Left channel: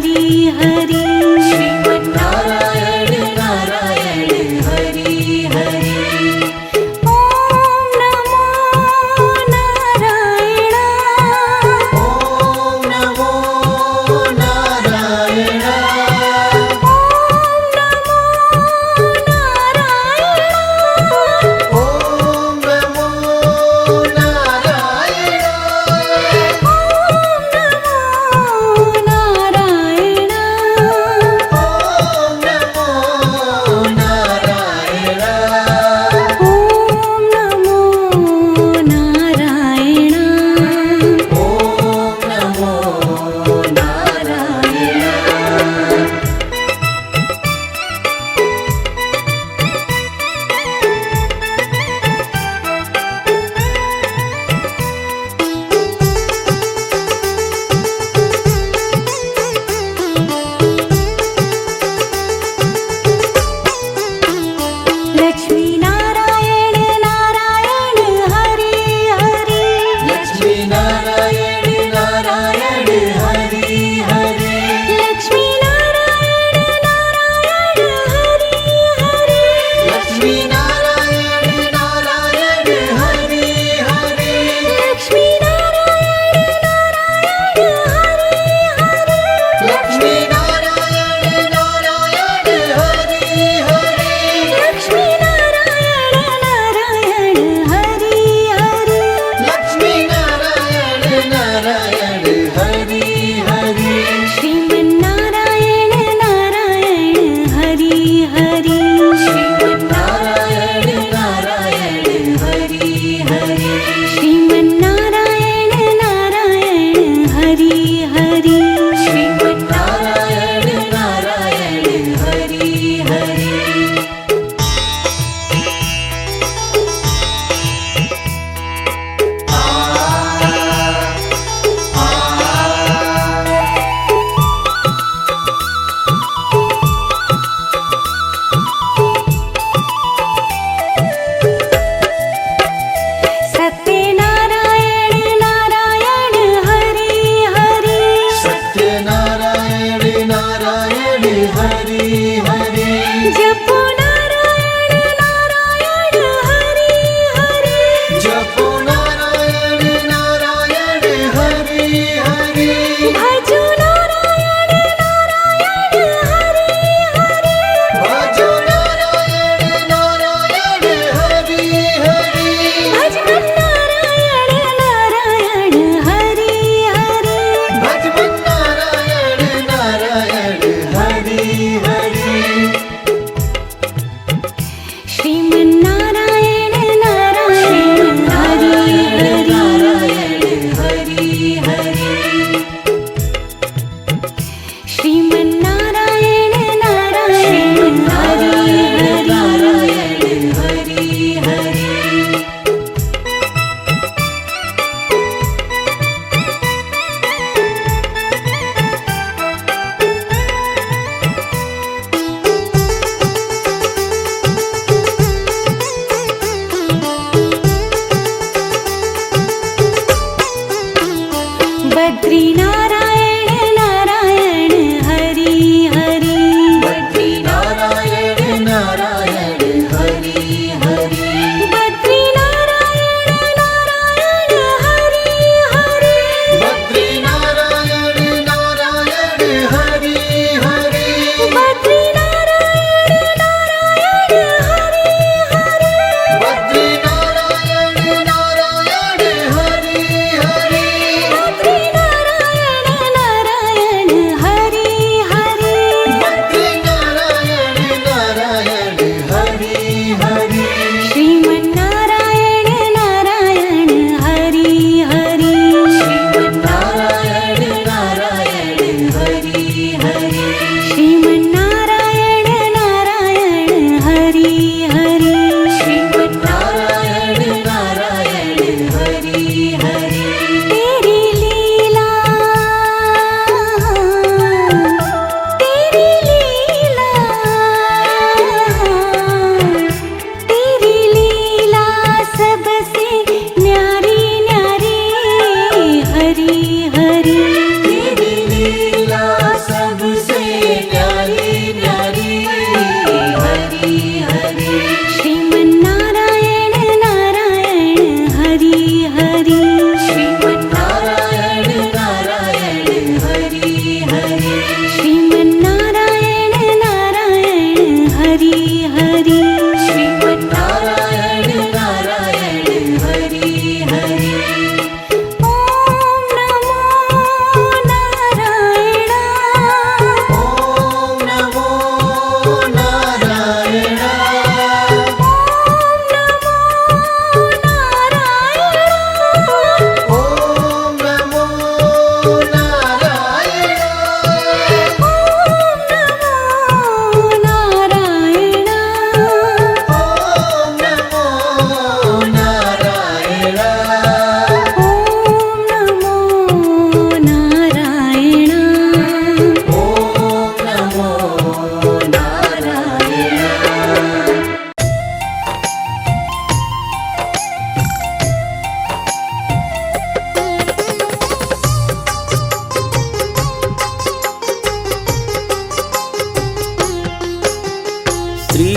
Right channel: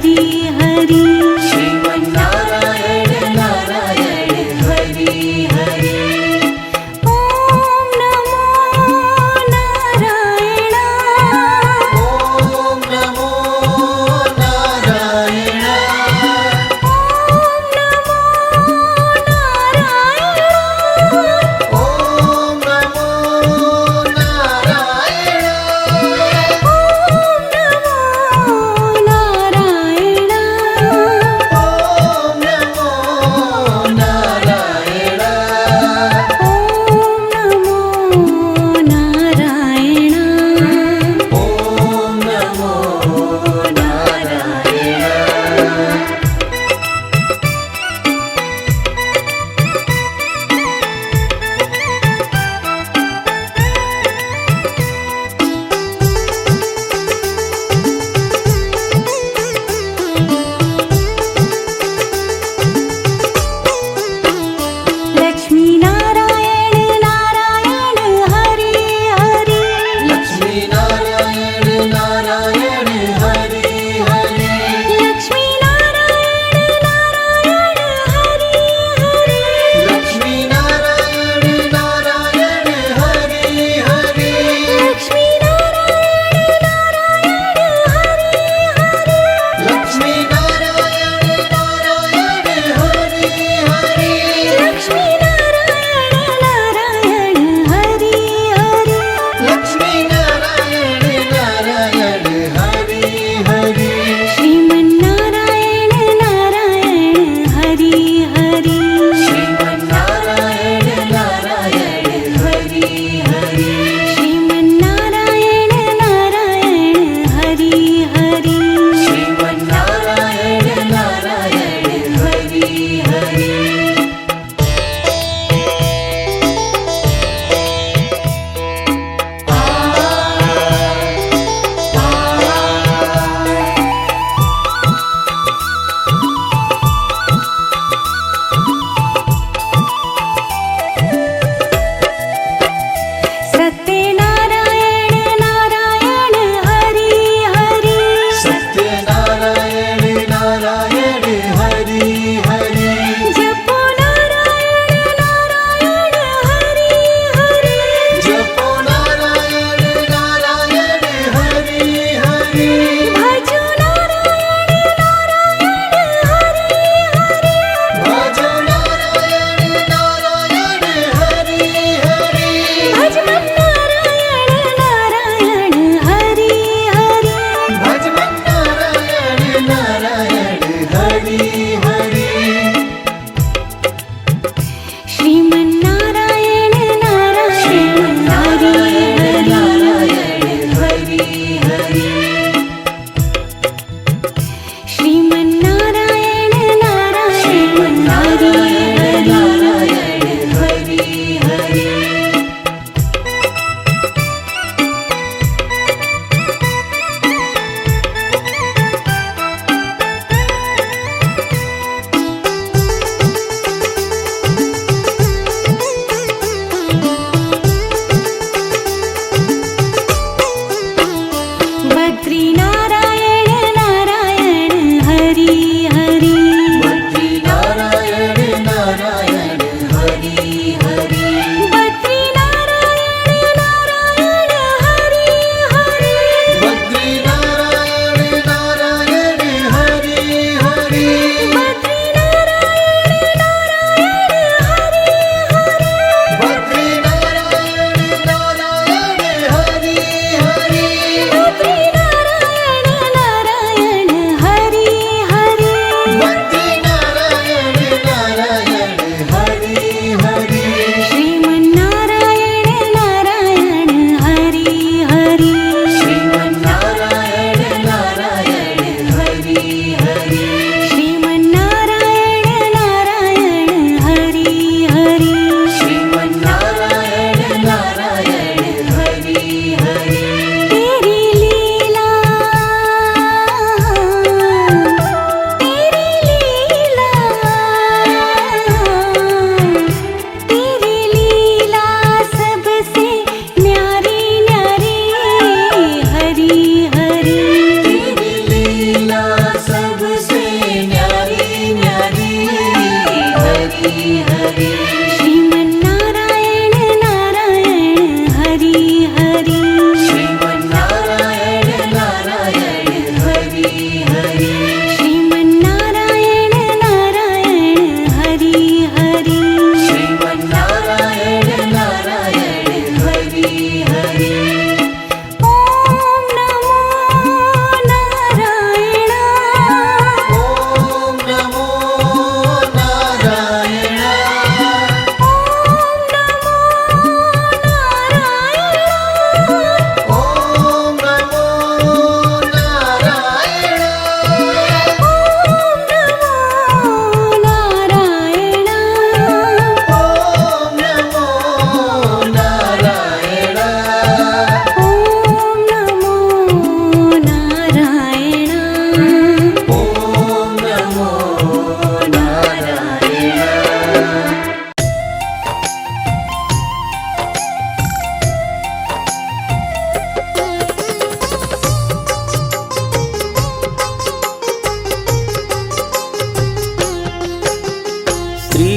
हरि हरि। श्रीमन्नारायण नारायण हरि हरि। ओम नमो नारायण। ओम नमो नारायण। ओम नमो नारायण। ओम नमो नारायण। ओम नमो नारायण। ओम नमो नारायण। ओम नमो नारायण। ओम नमो नारायण। लक्ष्मी नारायण नारायण हरि हरि। लक्ष्मी नारायण नारायण हरि हरि। लक्ष्मी नारायण नारायण हरि हरि। लक्ष्मी नारायण नारायण हरि हरि। लक्ष्मी नारायण नारायण हरि हरि। लक्ष्मी नारायण नारायण हरि हरि। लक्ष्मी नारायण नारायण हरि हरि। लक्ष्मी नारायण नारायण हरि हरि। श्रीमन्नारायण नारायण हरि हरि। श्रीमन्नारायण नारायण हरि हरि। श्रीमन्नारायण नारायण हरि हरि। श्रीमन्नारायण नारायण हरि हरि। सत्यनारायण नारायण हरि हरि।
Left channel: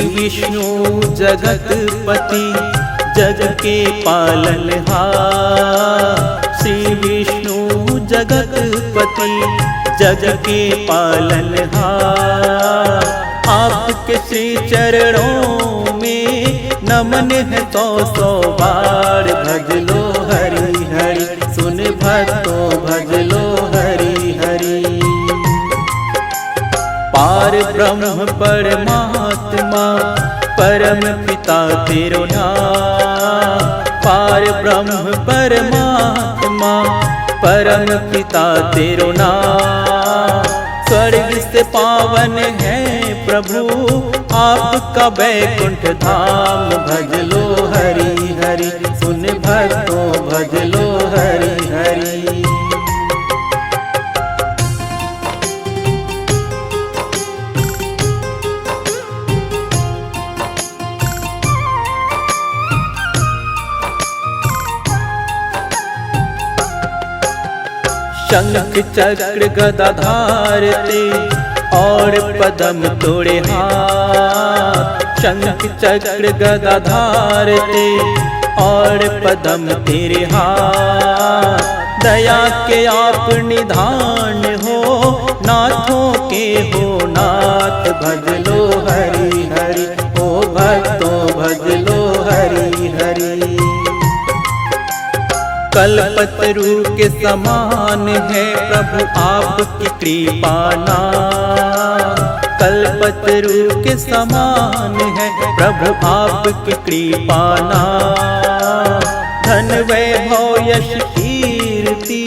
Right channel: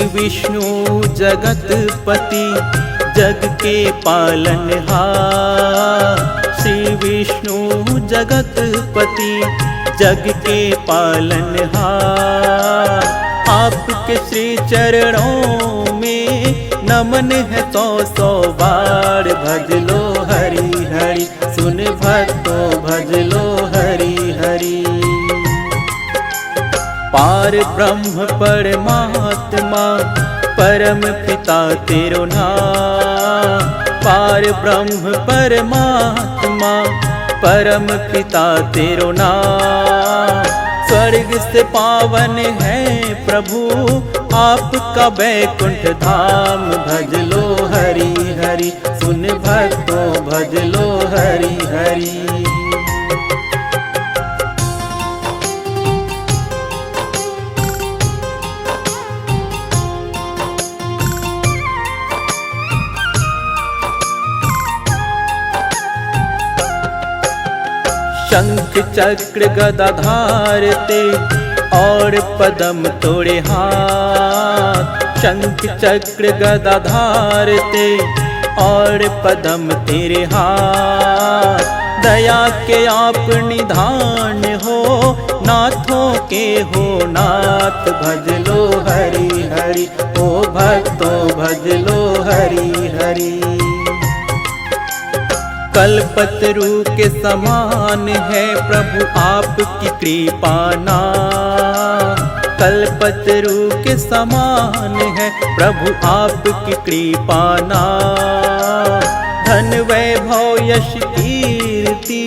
विष्णु जगतपति जग के पालनहार, श्री विष्णु जगतपति जग के पालनहार। आपके श्री चरणों में नमन है सौ सौ बार। भज लो हरि हरि, सुन भक्तों भज लो हरि हरि। पार ब्रह्म परमात्मा परम पिता तेरो नाम। पार ब्रह्म परमात्मा परम पिता तेरो नाम। स्वर्ग से पावन है प्रभु आपका बैकुंठ धाम। भज लो हरि हरि, सुन भक्तों भज लो हरि हरि। शंख चक्र गदाधार ते और पदम तोड़े हाथ। शंख चक्र गदाधार ते और पदम तेरे हाथ। दया के आप निधान हो, नाथों के हो नाथ। भज लो हरि हरि, ओ भक्तों भज लो हरि हरि। कल्पतरु के समान है प्रभु आपकी कृपा नाम। कल्पतरु के समान है प्रभु आपकी कृपा नाम। धन वैभव यश कीर्ति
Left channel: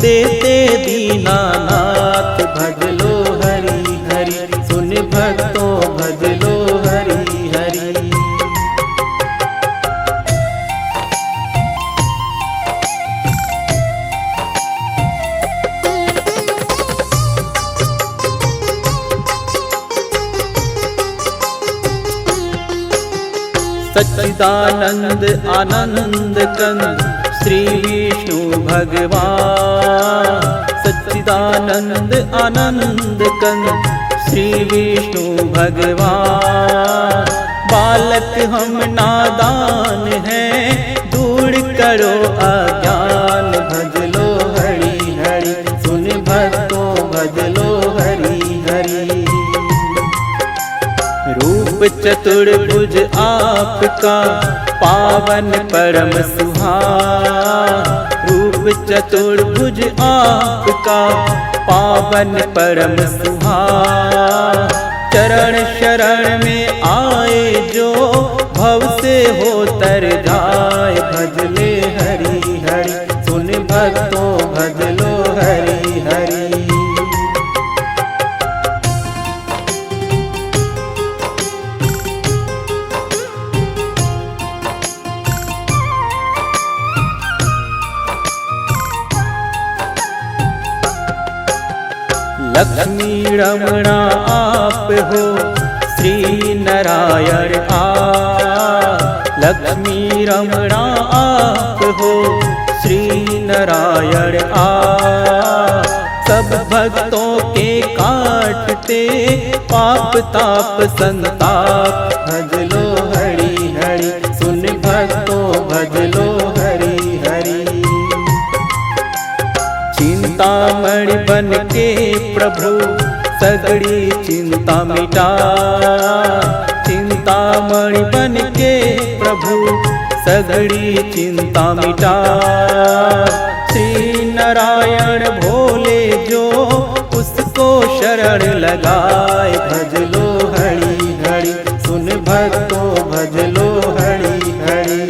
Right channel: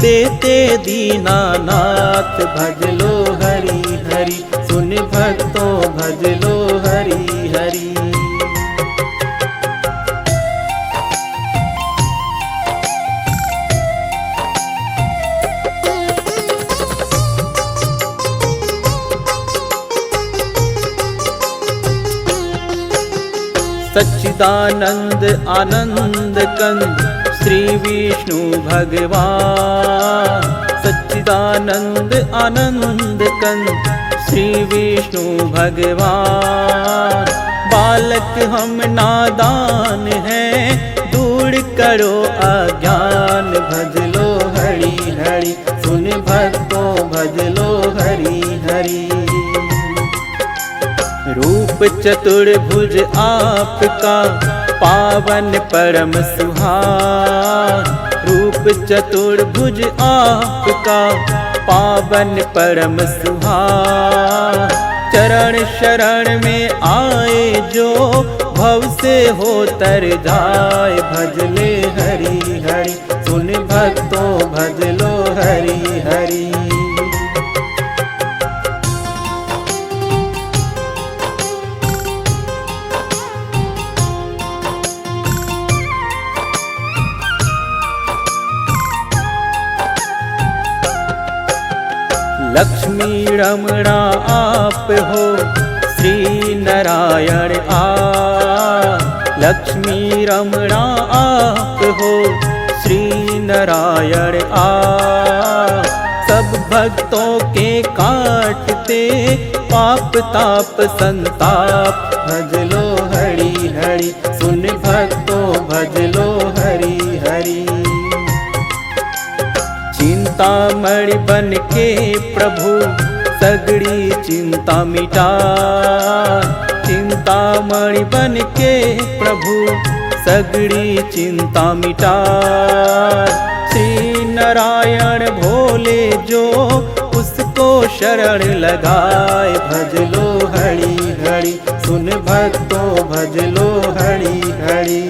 देते दीनानाथ। भज लो हरि हरि, सुन भक्तों भज लो हरि हरि। सच्चिदानंद आनंद कंद श्री विष्णु भगवान। सच्चिदानंद आनंद कंद श्री विष्णु भगवान। बालक हम नादान हैं, दूर करो अज्ञान। भज लो हरि हरि, सुन भक्तों भज लो हरि हरि। रूप चतुर्भुज आपका पावन परम सुहान। रूप चतुर्भुज आपका पावन परम सुहान। चरण शरण में आए जो भव से हो तर जाए। भज ले हरि हरि, सुन भक्तों भज लो हरि हरि। लक्ष्मी रमणा आप हो श्री नारायण लक्ष्मी रमणा आप हो श्री नारायण सब भक्तों के काटते पाप ताप संताप। भज लो हरि हरि, सुन भक्तों भज लो हरि हरि। चिंतामणि बन के प्रभु सगड़ी चिंता मिटा। चिंतामणि बन के प्रभु सगड़ी चिंता मिटा। श्री नारायण भोले जो उसको शरण लगाए। भज लो हरि हरि, सुन भक्तों भज लो हरि हरि।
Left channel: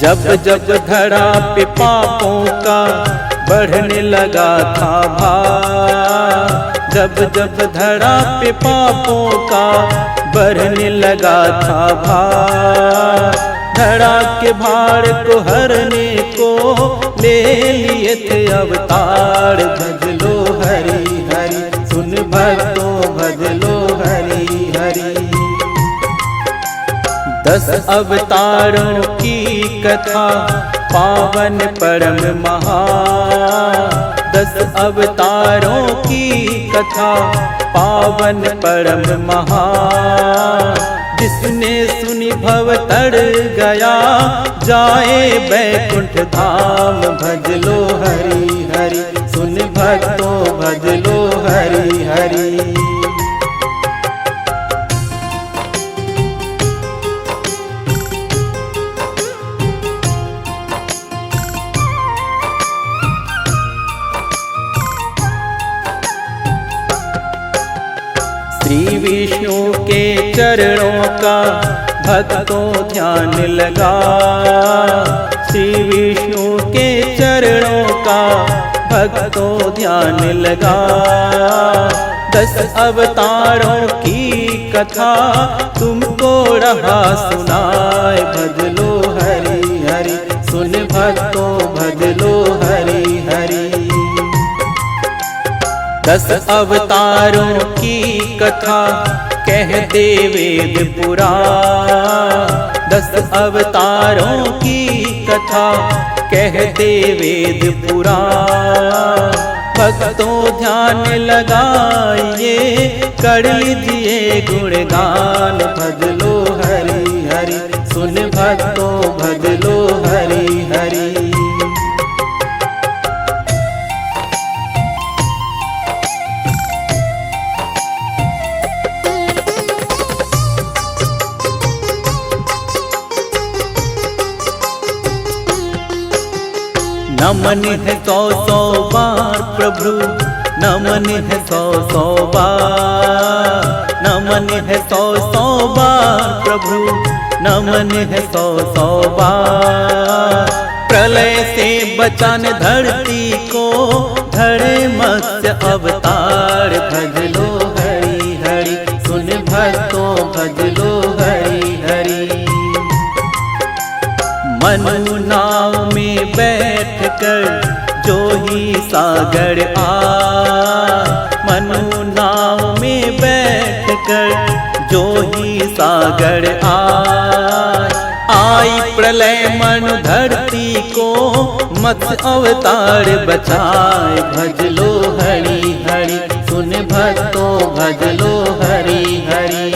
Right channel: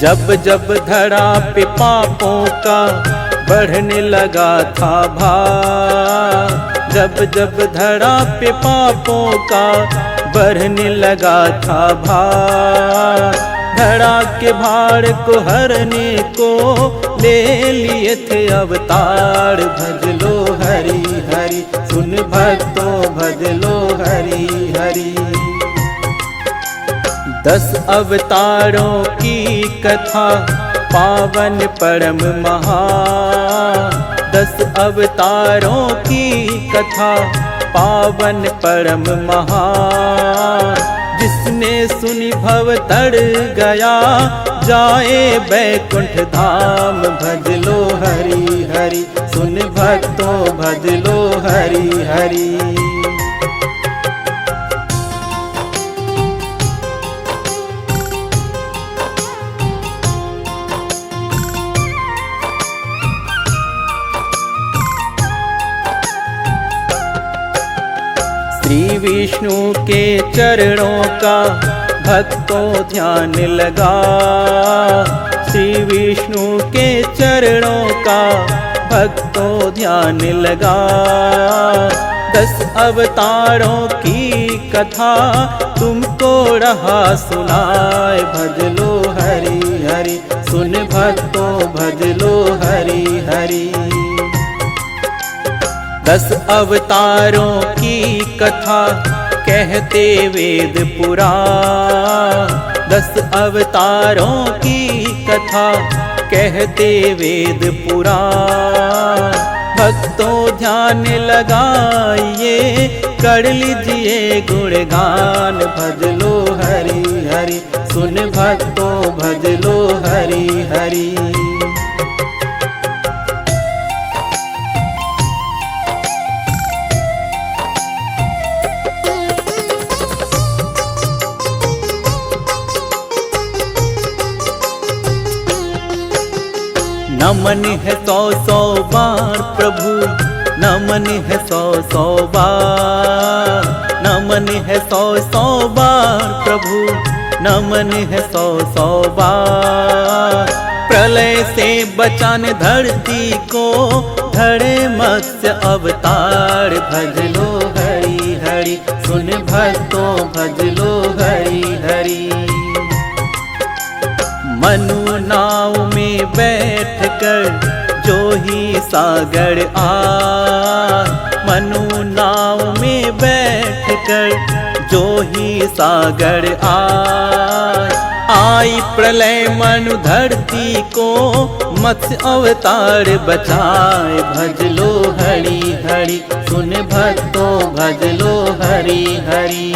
जब जब धरा पे पापों का बढ़ने लगा था भार। जब जब धरा पे पापों का बढ़ने लगा था भार। धरा के भार को हरने को ले लिए थे अवतार। भज लो हरि हरि, सुन भक्तों भज लो हरि हरि। 10 अवतारों की कथा पावन परम महान। 10 अवतारों की कथा पावन परम महान। जिसने सुनी भव तर गया, जाए बैकुंठ धाम। भज लो हरि हरि, सुन भक्तों भज लो हरि हरि। श्री विष्णु के चरणों का भक्तों ध्यान लगा। श्री विष्णु के चरणों का भक्तों ध्यान लगा। 10 अवतारों की कथा तुमको रहा सुनाए। भज लो हरि हरि, सुन भक्तों भज लो हरि हरि। 10 अवतारों की कथा कहते वेद पुराण। 10 अवतारों की कथा कहते वेद पुराण। भक्तों ध्यान लगाइए, कर लीजिए गुणगान। भज लो हरि हरि, सुन भक्तों भज लो हरि हरि। नमन है 100 बार प्रभु, नमन है 100 बार। नमन है 100 बार प्रभु, नमन है 100 बार। प्रलय से बचाने धरती को, धरे मत्स्य अवतार। भज लो हरि हरि, सुन भक्तों भज लो हरि हरि। मनु नाव में बैठकर जो ही सागर आए। मनु नाव में बैठकर जो ही सागर आए। आई प्रलय मनु धरती को, मत्स्य अवतार बचाए। भज लो हरि हरि, सुन भक्तों भज लो हरि हरि।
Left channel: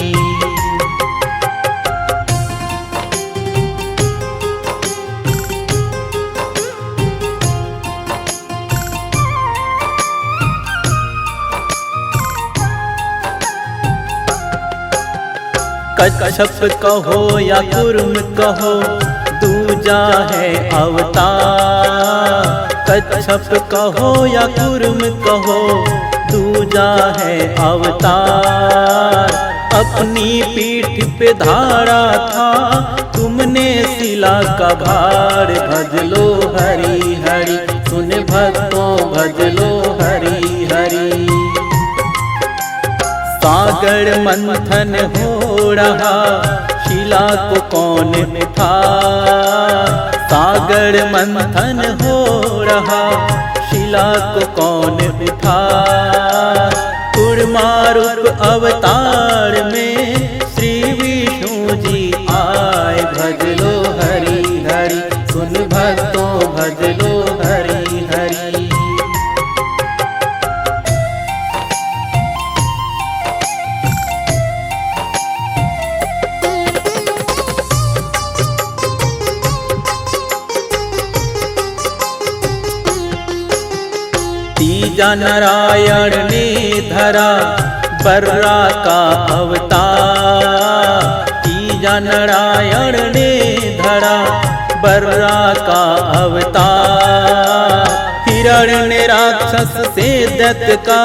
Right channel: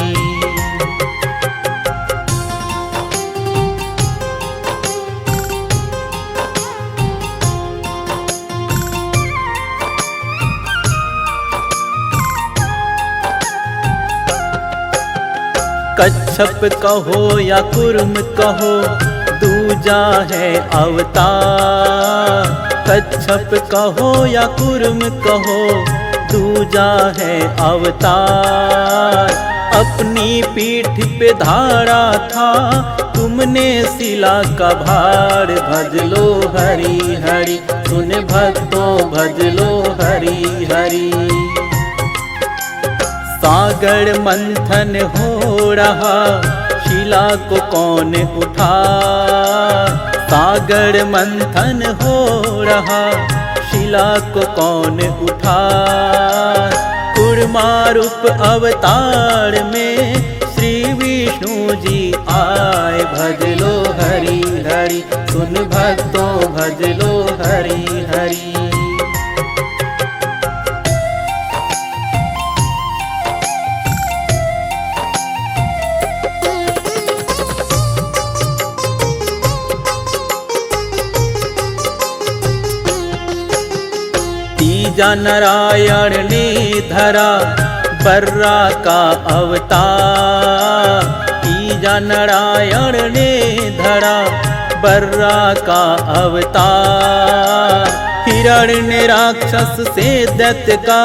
कच्छप कहो या कुर्म कहो, दूजा है अवतार। कच्छप कहो या कुर्म कहो, दूजा है अवतार। अपनी पीठ पे धारा था तुमने शिला का भार। भज लो हरि हरि, सुन भक्तों भज लो हरि हरि। सागर मंथन हो रहा, शिला को कौन उठा। सागर मंथन हो रहा, शिला को कौन उठा। कूर्मा रूप अवतार में श्री विष्णु जी आए। भज लो हरि हरि, सुन भक्तों भज लो हरि हरि। तीजा नारायण ने धरा बर्रा का अवतार। तीजा नारायण ने धरा बर्रा का अवतार। हिरण्य राक्षस से दैत्य का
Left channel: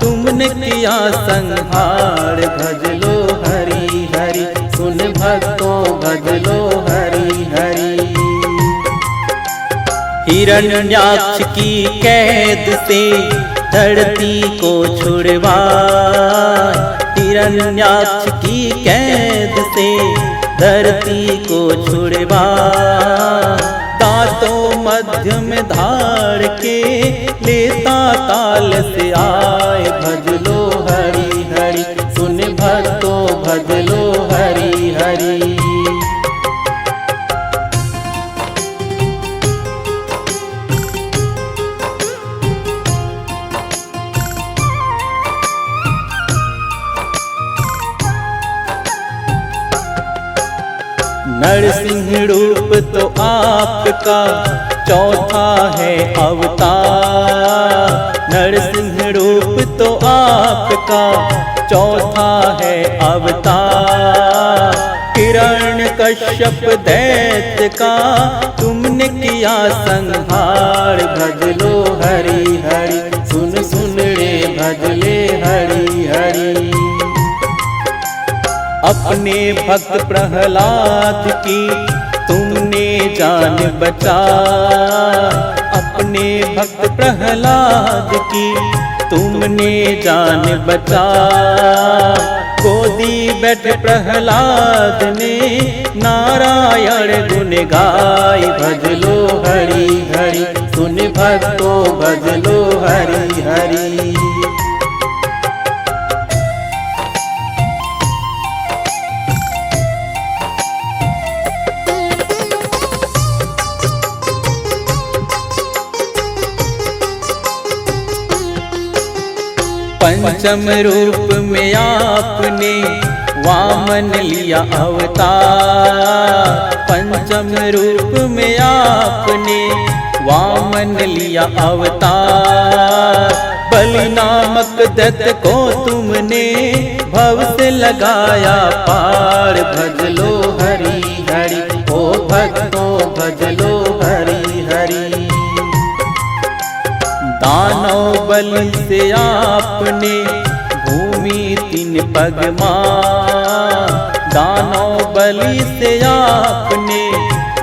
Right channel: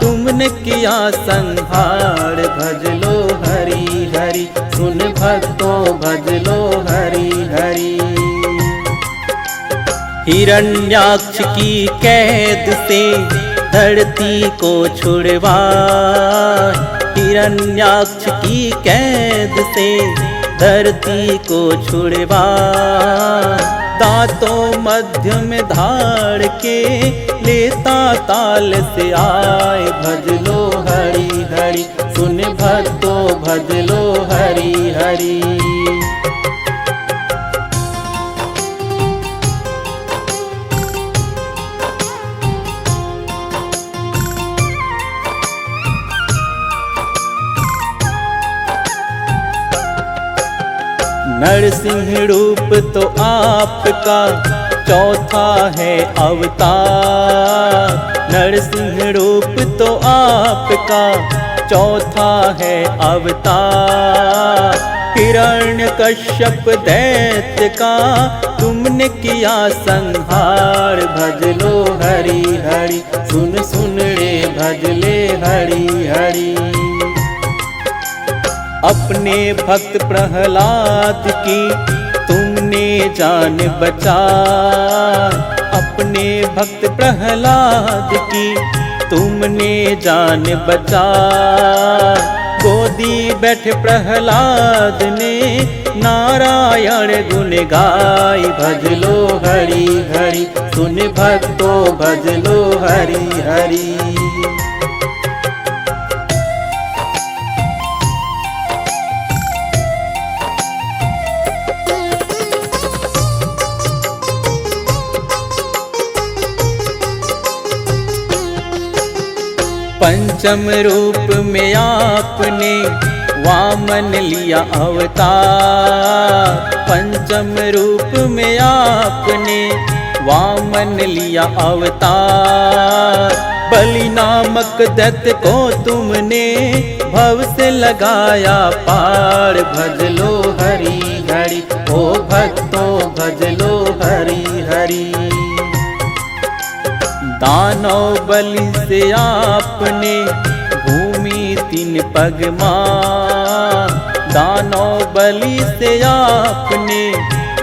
तुमने किया संहार। भज लो हरि हरि, सुन भक्तों भज लो हरि हरि। हिरण्याक्ष की कैद से धरती को छुड़वा। हिरण्याक्ष की कैद से धरती को छुड़वा। दांतों मध्य में धार के लेता ताल से आए। भज लो हरि हरि, सुन भक्तों भज लो हरि हरि। नरसिंह रूप तो आपका चौथा है अवतार। नरसिंह रूप तो आपका चौथा है अवतार। हिरण्य कश्यप दैत्य का तुमने किया संहार। भज लो हरि हरि, सुन सुन रे भज ले हरि हरि। अपने भक्त प्रहलाद की तुमने जान बचाई। अपने भक्त प्रहलाद की तुमने जान बचाई। गोदी बैठे प्रहलाद ने नारायण गुण गाय। भज लो हरि हरि, सुन भक्तों भज लो हरि हरि। पंचम रूप में आपने वामन लिया अवतार। पंचम रूप में आपने वामन लिया अवतार। बलि नामक दैत्य को तुमने भव से लगाया पार। भज लो हरि हरि, ओ भक्तों भज लो हरि हरि। दानव बलि से आपने भूमि 3 पग मान। दानव बलि से आपने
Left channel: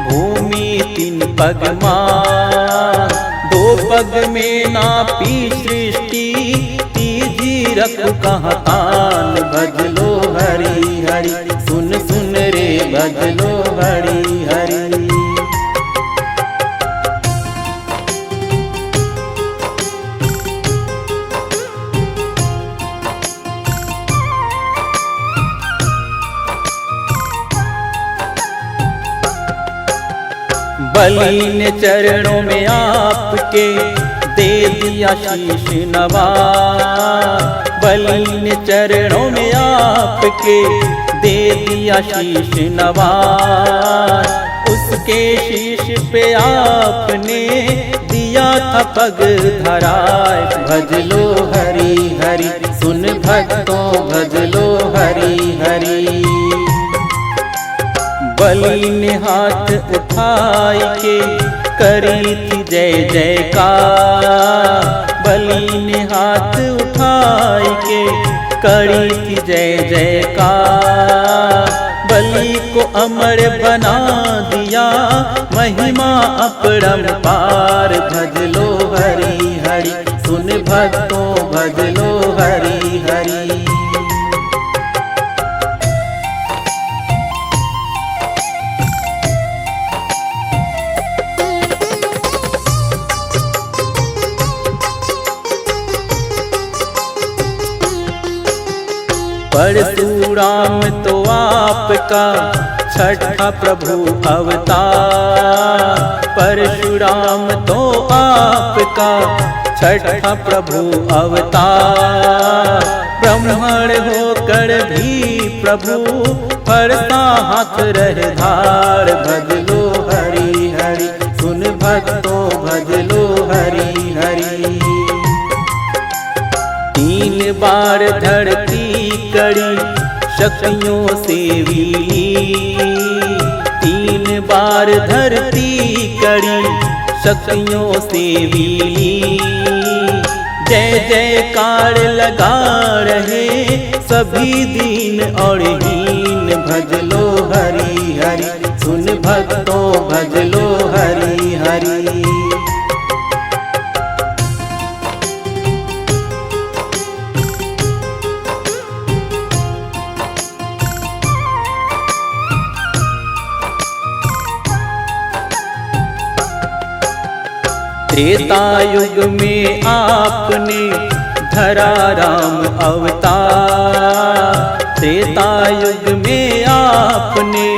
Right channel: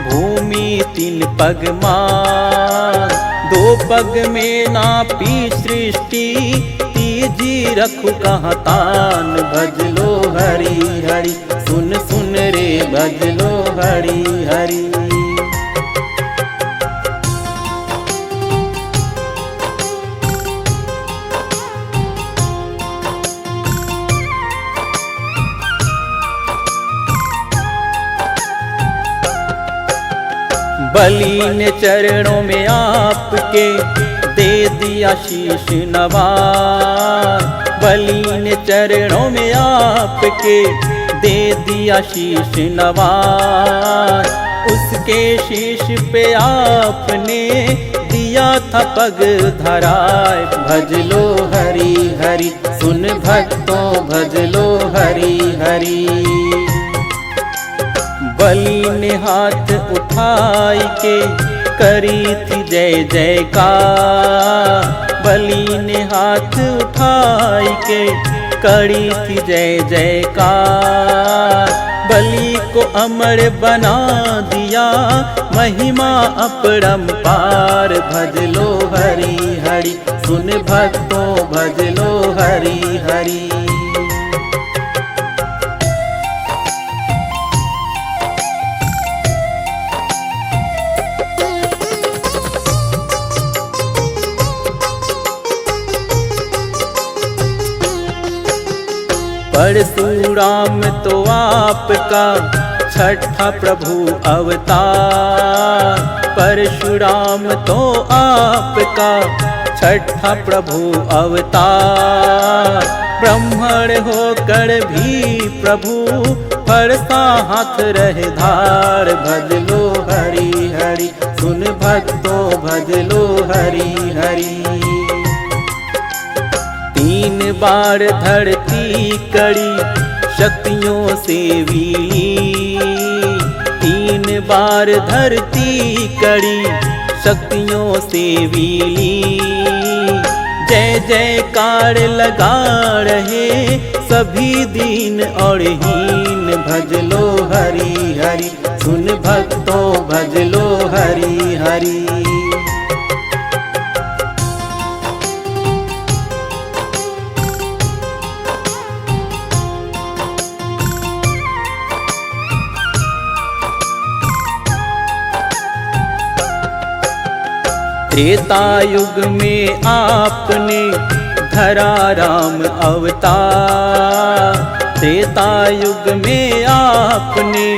भूमि 3 पग मान। 2 पग में नापी सृष्टि, तीजी रखु कहाँ तान। भज लो हरि हरि, सुन सुन रे भज लो हरि हरि। बलि ने चरणों में आपके दे दिया शीश नवाज। बलि ने चरणों में आपके दे दिया शीश नवाज। उसके शीश पे आपने दिया था पग धराए। भज लो हरि हरि, सुन भक्तों भज लो हरि हरि। बलि ने हाथ उठाई के करी थी जय जयकार। बलि ने हाथ उठाई के करी थी जय जयकार। बलि को अमर बना दिया महिमा अपरंपार। भज लो हरि हरि, सुन भक्तों भज लो हरि हरि। परशुराम तो आपका छठा प्रभु अवतार। परशुराम तो आपका छठा प्रभु अवतार। ब्राह्मण होकर भी प्रभु फरसा हाथ रहे धार। भज लो हरि हरि, सुन भक्तों भज लो हरि हरि। 3 बार धरती कड़ी शक्तियों से विली। 3 बार धरती कड़ी शक्तियों से विली। जय जयकार लगा रहे सभी दीन और हीन। भज लो हरि हरि, सुन भक्तों भज लो हरि हरि। त्रेता युग में आपने धरा राम अवतार। त्रेता युग में आपने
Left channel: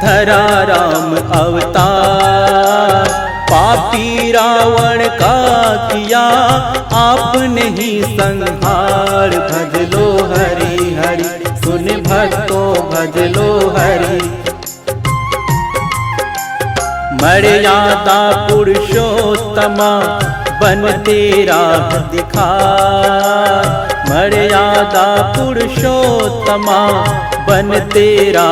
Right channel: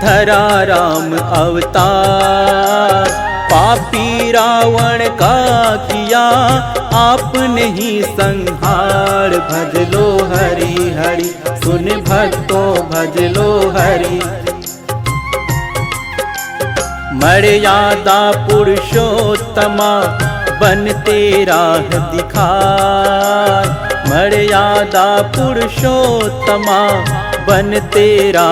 धरा राम अवतार। पापी रावण का किया आपने ही संहार। भज लो हरि हरि सुन भक्तों भज लो हरि। मर्यादा पुरुषोत्तमा बन तेरा दिखाए। मर्यादा पुरुषोत्तमा बन तेरा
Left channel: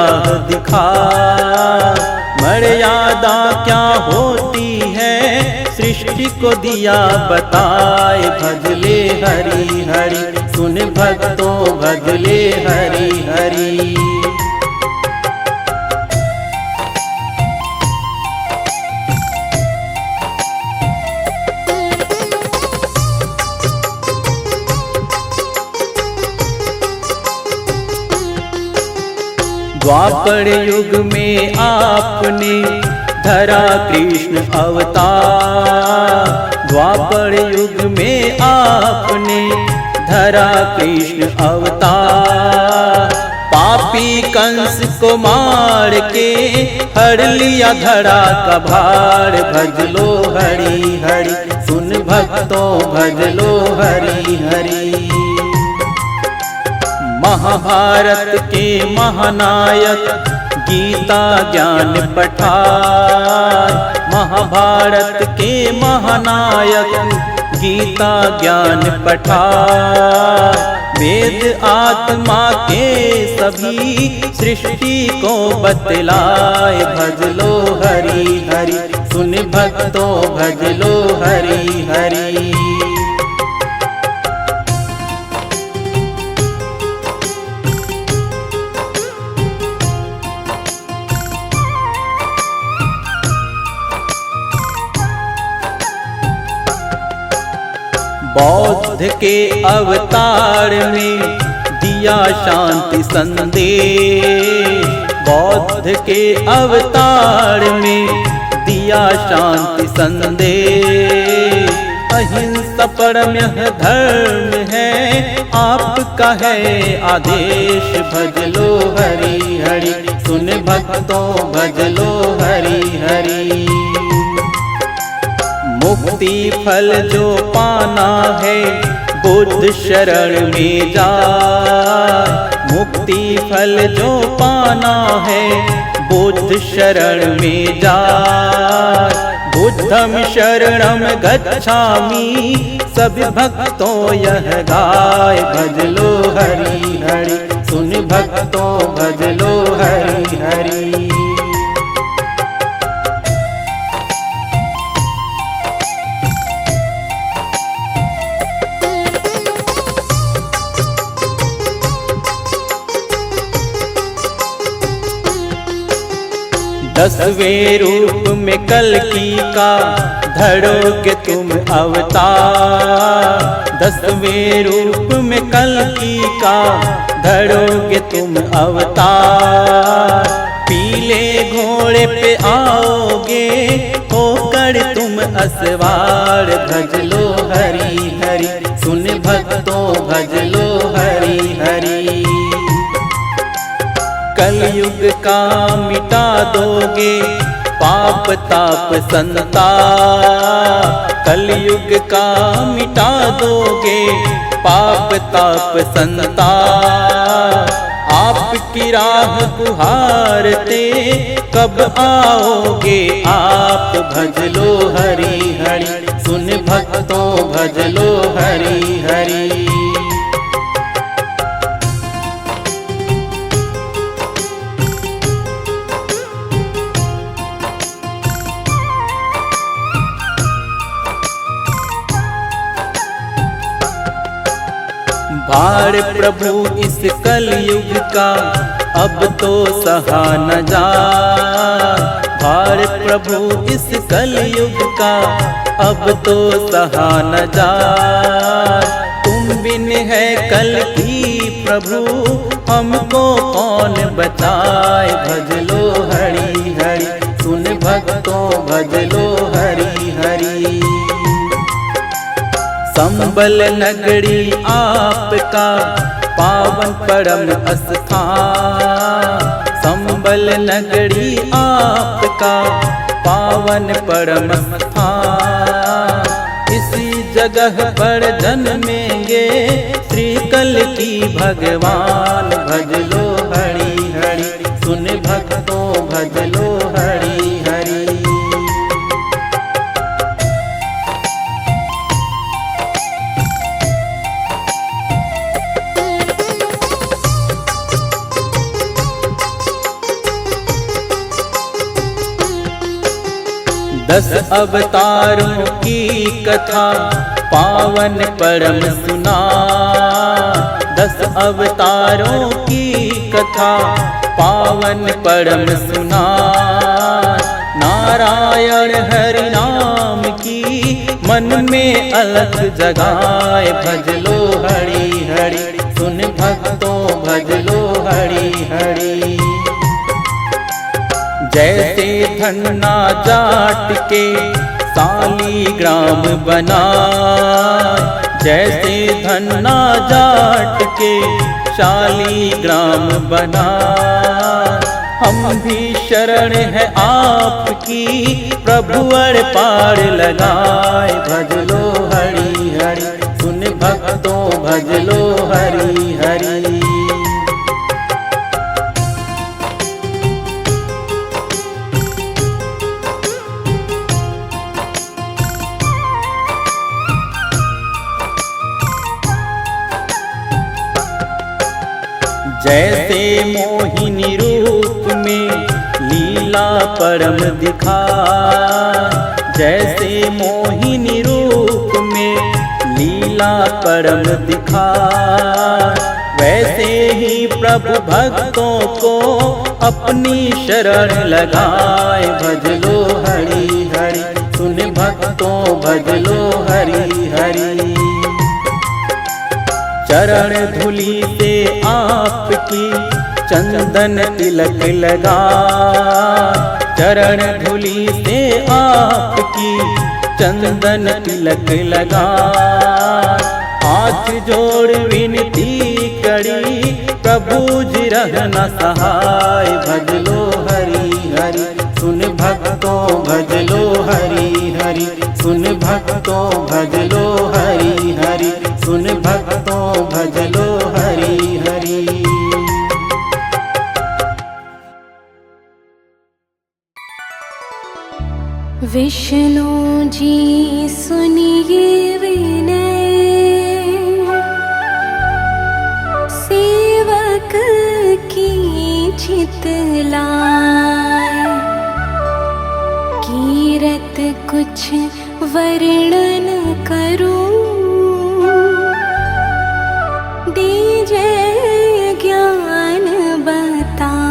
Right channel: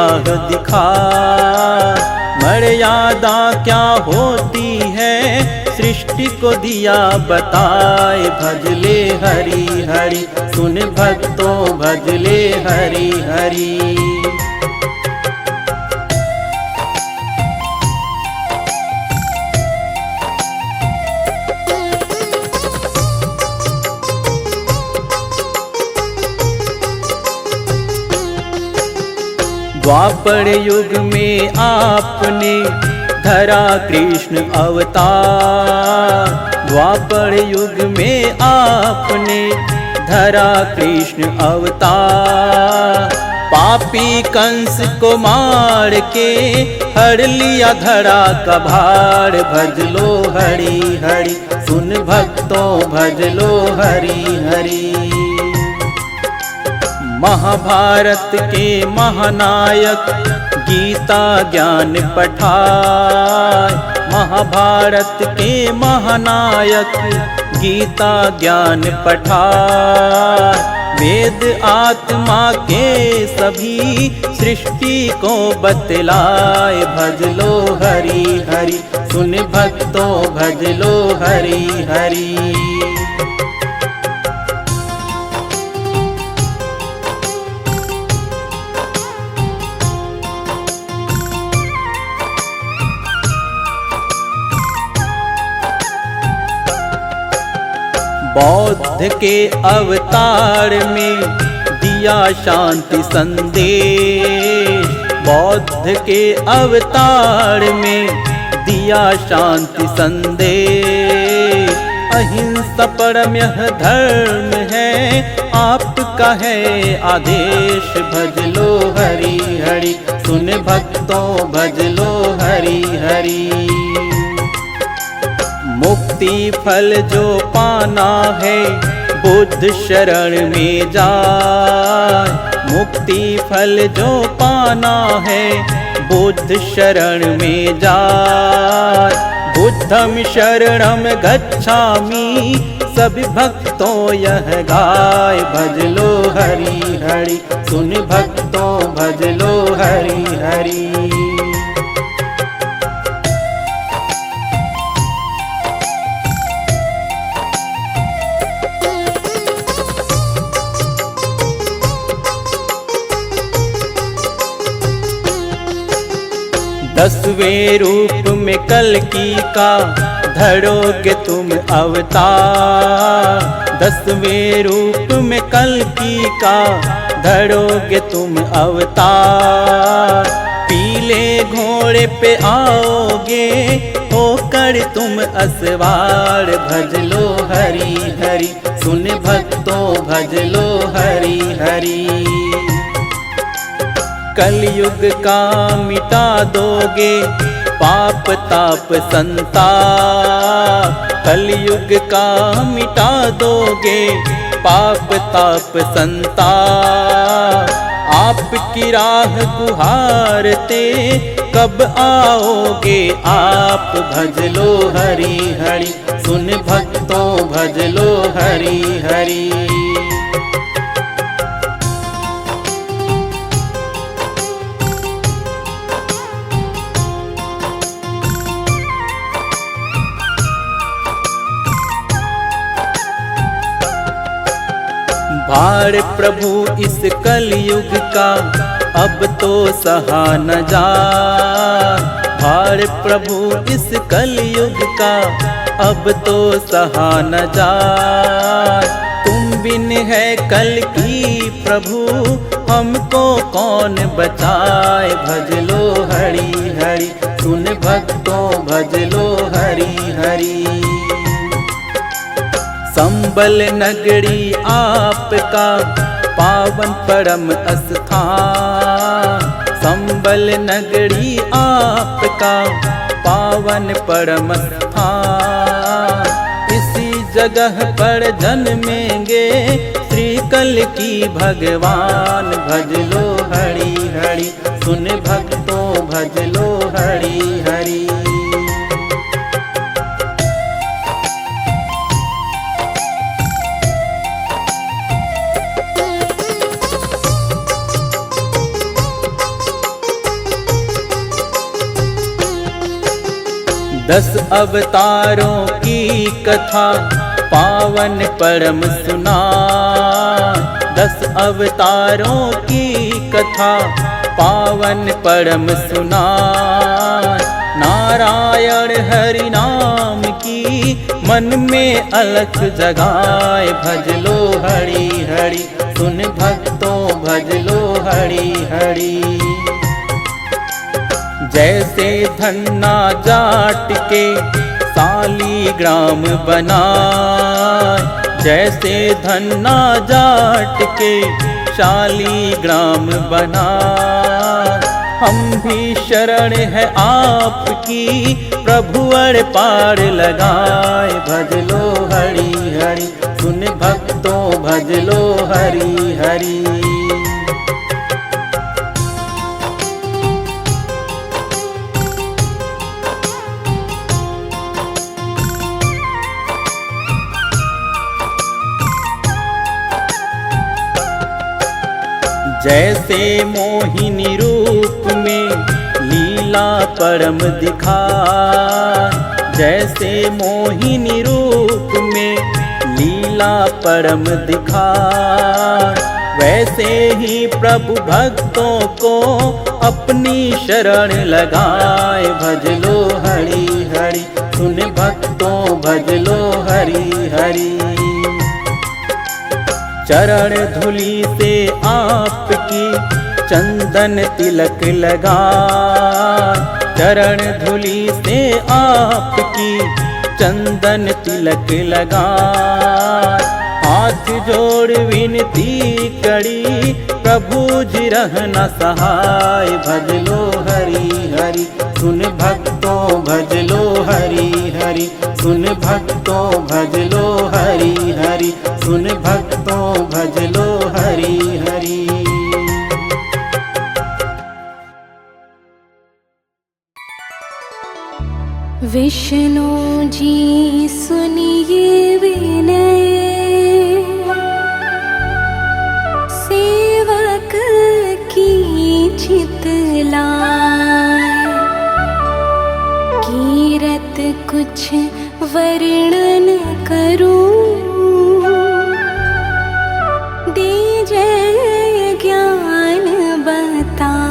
दिखाए। मर्यादा क्या होती है सृष्टि को दिया बताए। भजले हरि हरि सुन भक्तों भजले हरि हरि। द्वापर युग में आपने धरा कृष्ण अवतार। द्वापर युग में आपने धरा कृष्ण अवतार। पापी कंस को मार के हर लिया धरा का भार। भज लो हरि हरि सुन भक्तों भज लो हरि हरि। महाभारत के महानायक गीता ज्ञान पठाए। महाभारत के महानायक गीता ज्ञान पठाए। वेद आत्मा के सभी सृष्टि को बतलाए। भज लो हरि हरि सुन भक्तों भज लो हरि हरि। बौद्ध के अवतार में दिया शांति संदेश। बौद्ध के अवतार में दिया शांति संदेश। अहिंसा परम धर्म है आपका है आदेश। भज लो हरि हरि सुन भक्तों भज लो हरि हरि। मुक्ति फल जो पाना है बुद्ध शरण में जाए। मुक्ति फल जो पाना है बुद्ध शरण में जाए। बुद्धम शरणम गच्छामि सभी भक्तों यह गाय। भज लो हरि हरि सुन भक्तों भज लो हरि हरि। दसवें रूप में कल्कि का धरोगे तुम अवतार। दसवें रूप में कल्कि का धरोगे तुम अवतार। पीले घोड़े पे आओगे होकर तुम असवार। भज लो हरि हरि सुन भक्तों भज लो हरि हरि। कलयुग का मिटा दोगे पाप ताप संताप। कलयुग का मिटा दोगे पाप ताप संताप। आपकी राह गुहारते कब आओगे आप। भज लो हरि हरि सुन भक्तों भज लो हरि हरि। भार प्रभु इस कलयुग का अब तो सहा न जाए। भार प्रभु इस कलयुग का अब तो सहा न जाए। तुम बिन है कल की प्रभु हमको कौन बचाए। भज लो हरि हरि सुन भक्तों भज लो हरि हरि। संबल नगरी आपका पावन परम स्थान, संबल नगरी आपका पावन परम स्थान। इसी जगह पर जन्मेंगे श्री कल की भगवान। भज लो हरि हरि, सुन भक्तों भज लो हरि हरि। दस अवतारों की कथा पावन परम सुना, दस अवतारों की कथा पावन परम सुना। नारायण हरि नाम की मन में अलख जगाए। भज लो हरि हरि, सुन भक्तों भज लो हरि हरि। जैसे धन्ना जाट के सालीग्राम बनाए, जैसे धन्ना जाट के शालीग्राम बनाए। हम भी शरण है आपकी प्रभु अड़ पार लगाए। भज लो हरि हरि, सुन भक्तों भज लो हरि हरि। जैसे मोहिनी रूप में लीला परम दिखाए, जैसे मोहिनी रूप में लीला परम दिखाए। वैसे ही प्रभु भक्तों को अपनी शरण लगाए। भज लो हरि हरि, सुन भक्तों भज लो हरि हरि। चरण धूलि से आपकी चंदन तिलक लगा, चरण धूलि से आपकी चंदन तिलक लगा। हाथ जोड़ विनती करी प्रभु जी रहना सहाय। भज लो हरि हरि, सुन भक्तों भज लो हरि हरि, सुन भक्तों भज लो हरि हरि, सुन भक्तों भज लो हरि हरि। विष्णु जी सुनिए विनय, सेवक की चितलाय। कीरत कुछ वर्णन करूं, दीजिए ज्ञान बताए।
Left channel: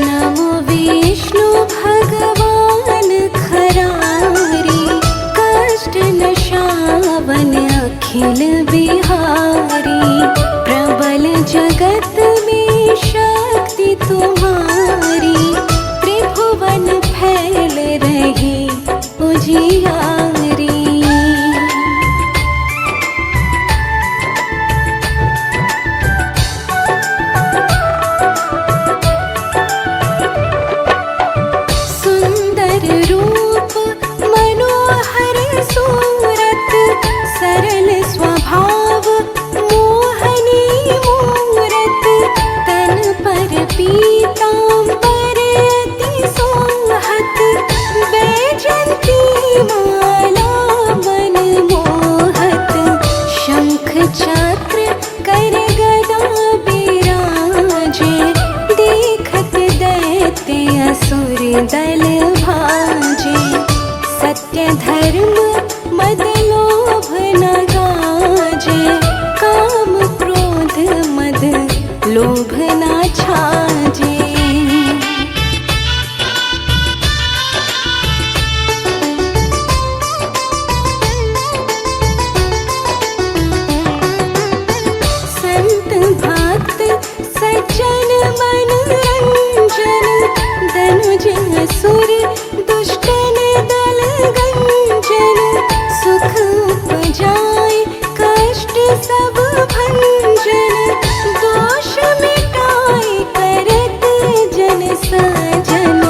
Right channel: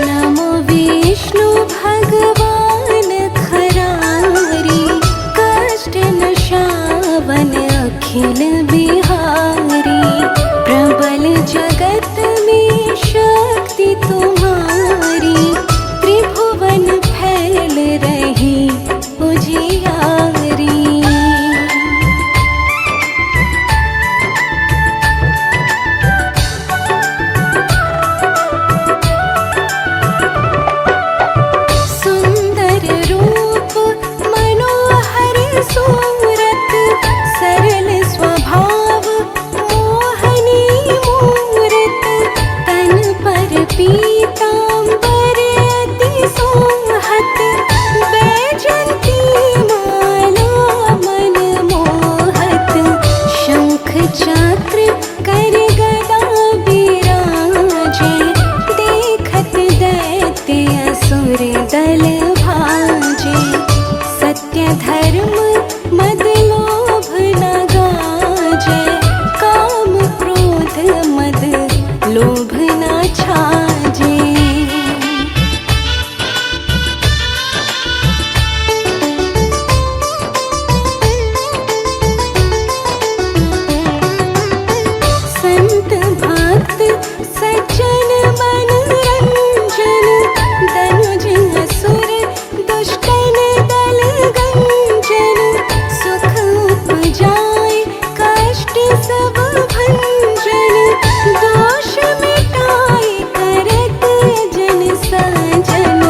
नमो विष्णु भगवान खरारी, कष्ट नशावन अखिल बिहारी। प्रबल जगत में शक्ति तुम्हारी, त्रिभुवन फैल रही उजियारी। सुंदर रूप मनोहर सूरत, सरल स्वभाव मोहनी मूरत। तन पर पीतांबर अति सोहत, बैजंती माला मन मोहत। शंख चक्र कर गदा बिराजे, देखत दैत्य असुर दल भाजे। सत्य धर्म मद लोभ न गाजे, काम क्रोध मद लोभ न छाजे। सुख उपजाए कष्ट सब भंजन, दोष मिटाए करत जन सजन,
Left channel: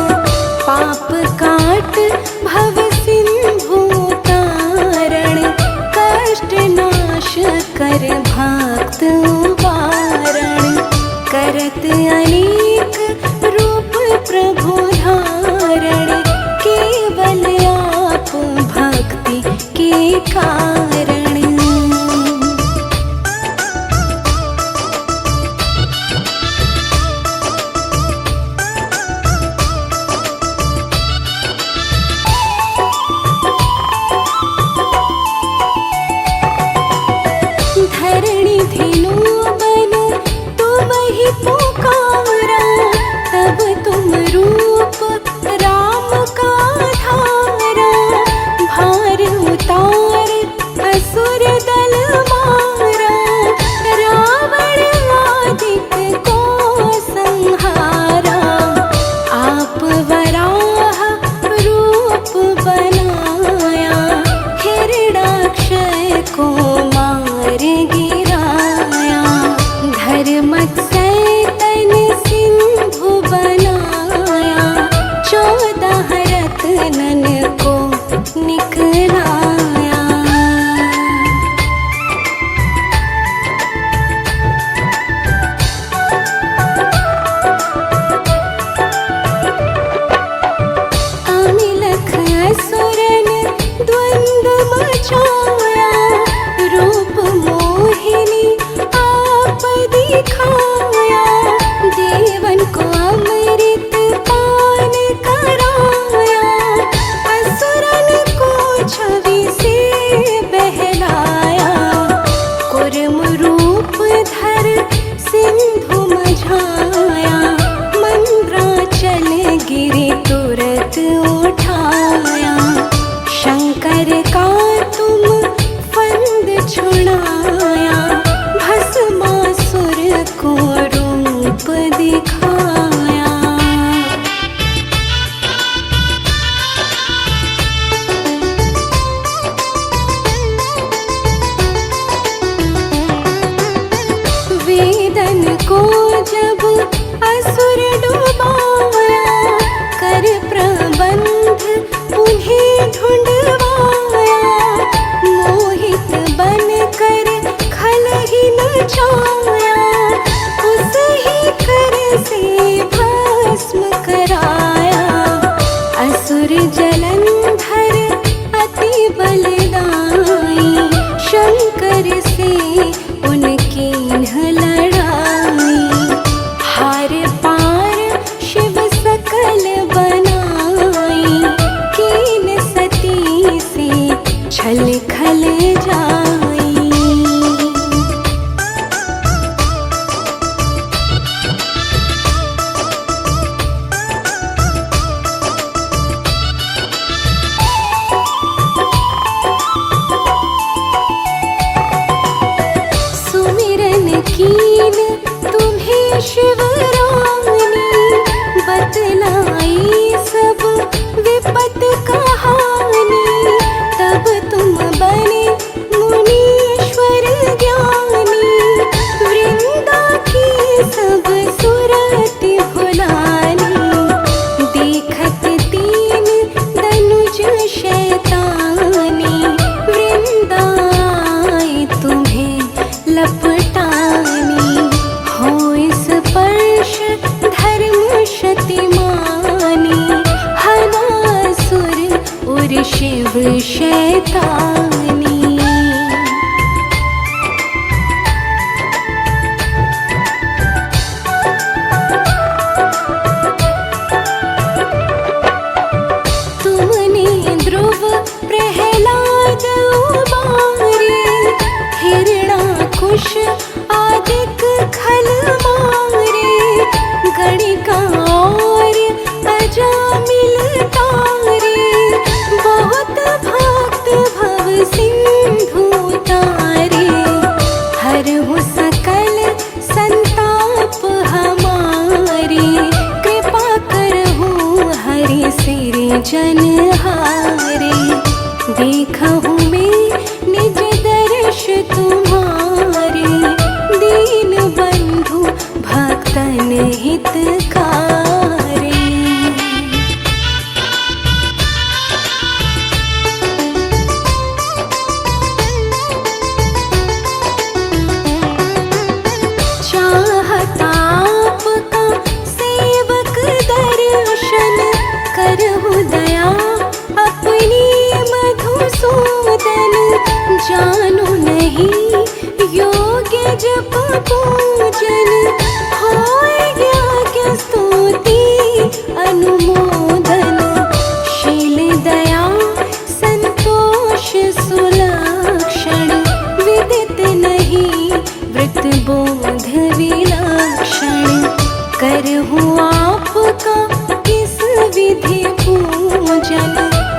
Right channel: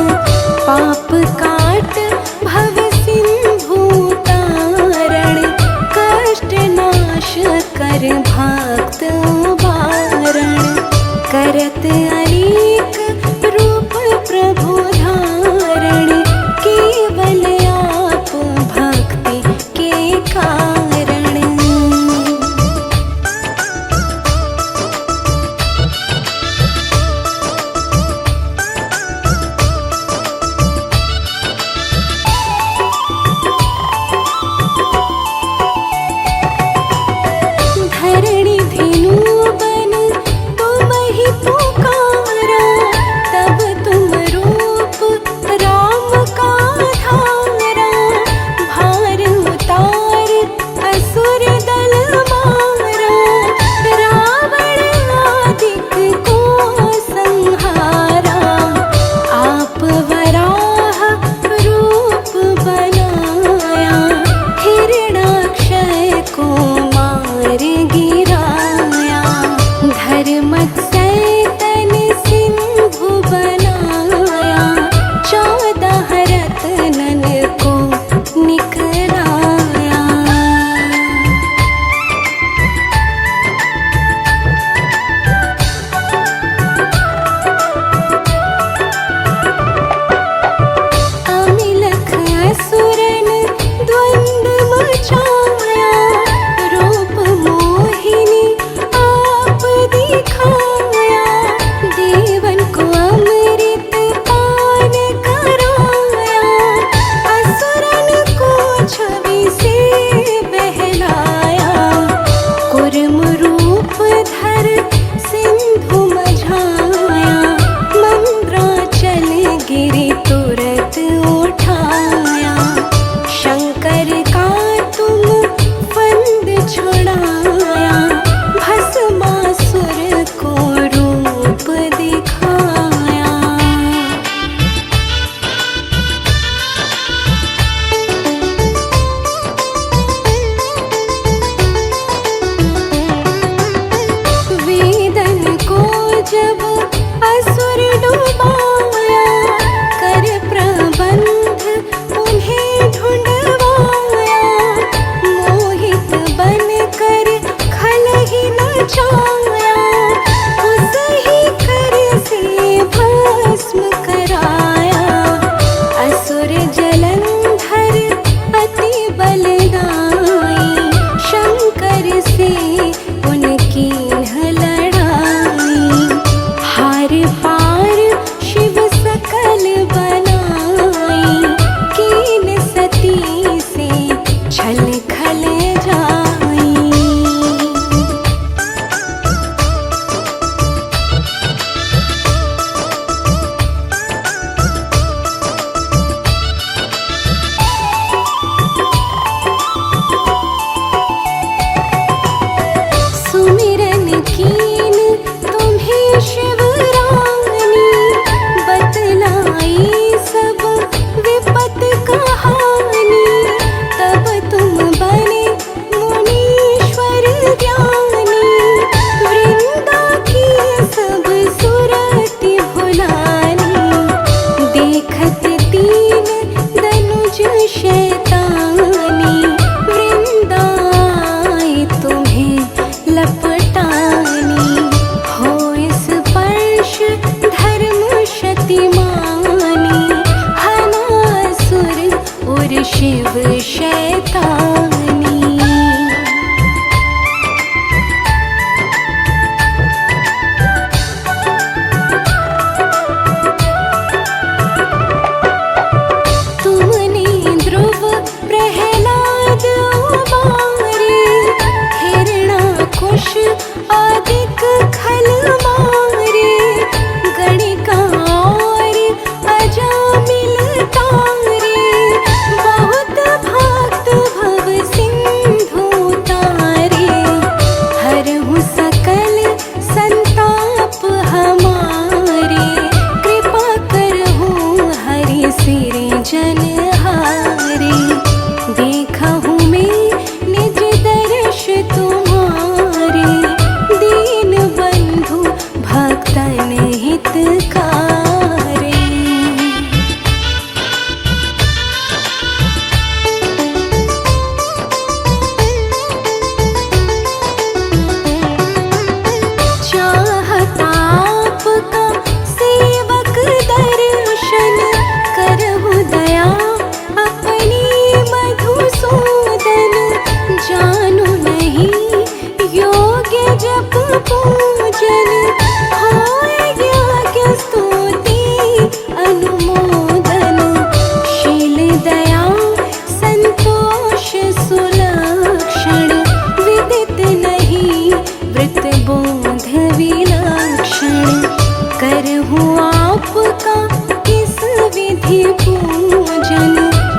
पाप काट भव सिंधु तारण, कष्ट नाश कर भक्त वारण, करत अनेक रूप प्रभु धारण, केवल आप भक्ति के कारण। धरणी धेनु बन तुम ही पुकारा, तब तुम रूप राम का धारा, भार उतार असुर दल मारा, रावण आदिक को संहारा, आप वराह रूप बनाया, हिरणाक्षय को मार गिराया, धर्मक सैतन सिंधु बनाया, 14 रत्नन को निकलाया। अमिलख असुरन द्वंद मचाया, रूप मोहिनी आप दिखाया, देवन को अमृत पान कराया, असुरन को छवि से बहलाया, कुर्म रूप धर सिंधु मझाया, मंद्राचल गिरि तुरत उठाया, शंकर का तुम फंद छुड़ाया, भस्मासुर को रूप दिखाया। वेदन को जब असुर डुबाया, कर प्रबंध उन्हें ढूंढवाया, मोहित बन कर खल ही नचाया, उस ही कर से भस्म कराया, असुर जलंधर अति बलदाई, शंकर से उनकी लड़ाई, हार पार शिव सकल बनाई, कीन सती से छल खल जाई। सुमिरन कीन तुम्हें शिवरानी, बतलाई सब विपत कहानी, तब तुम बने मुनीश्वर ज्ञानी, वृंदा की सब सुरति भुलानी, देखत तीन धनुज शैतानी, वृंदाई तुम्हें लपटानी, हो स्पर्श धर्म शतिमानी, हनासुर और शिव शैतानी। तुमने ध्रुव प्रहलाद उबारे, हिरणाकुश आदिक खल मारे, गणिका और अजामिल तारे, बहुत भक्त भव सिंधु तारे, हरहु सकल संताप हमारे, कृपा करहु हरि सिर जनहारे, देखहु में जानो नहीं योग्य जप पूजन होय यज्ञ स्तुति अनुमोदन शील दया संतोष सुलक्षण विदित नहीं व्रत बोध विलक्षण करहूँ आपका किस विधि पूजन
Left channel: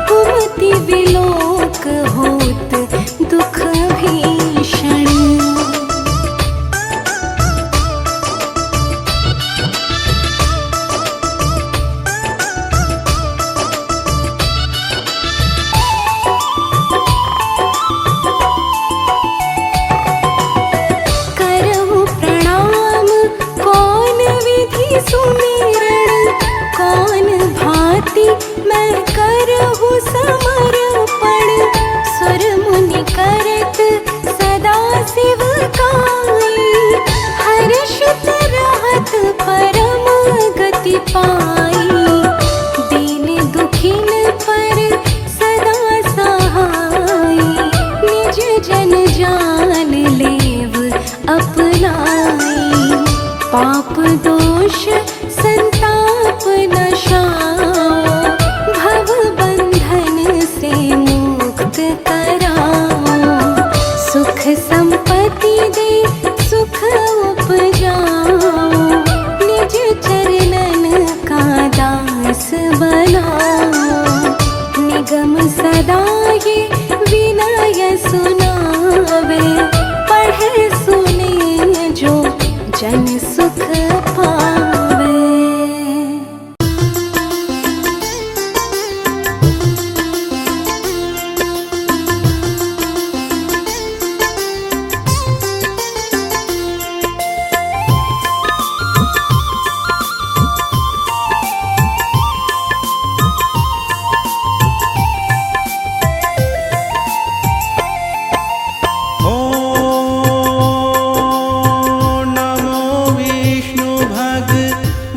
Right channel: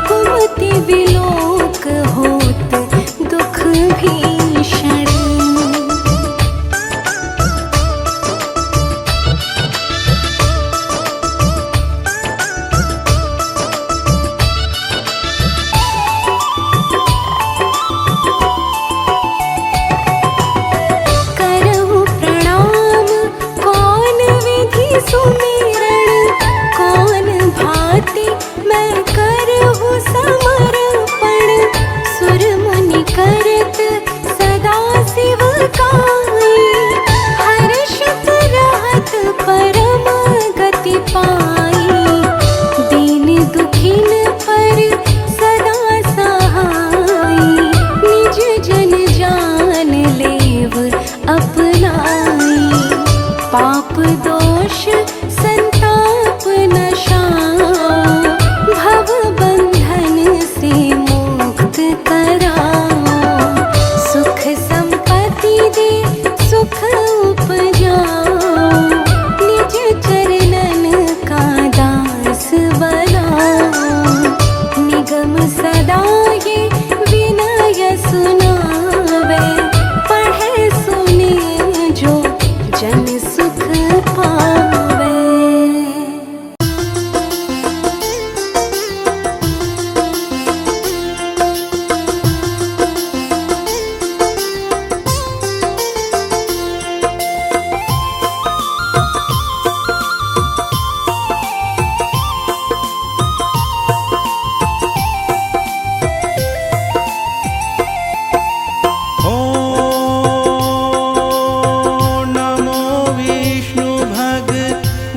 कुमति विलोक होत दुख भीषण। करहूँ प्रणाम कौन विधि सुमिरण कौन भांति मैं करहूँ समर्पण सुर मुनि करत सदा शिव काई हर्षित रहत परम गति पाई दीन दुखिन पर सदा सहाई निज जन जान लेव अपनाई पाप दोष संताप नशाओ भव बंधन से मुक्त कराओ सुख संपत्ति दे सुख उपजाओ निज चरणन का दास बनाओ निगम सदा ये विनय सुनावे पढ़े सुने जो जन सुख पावे।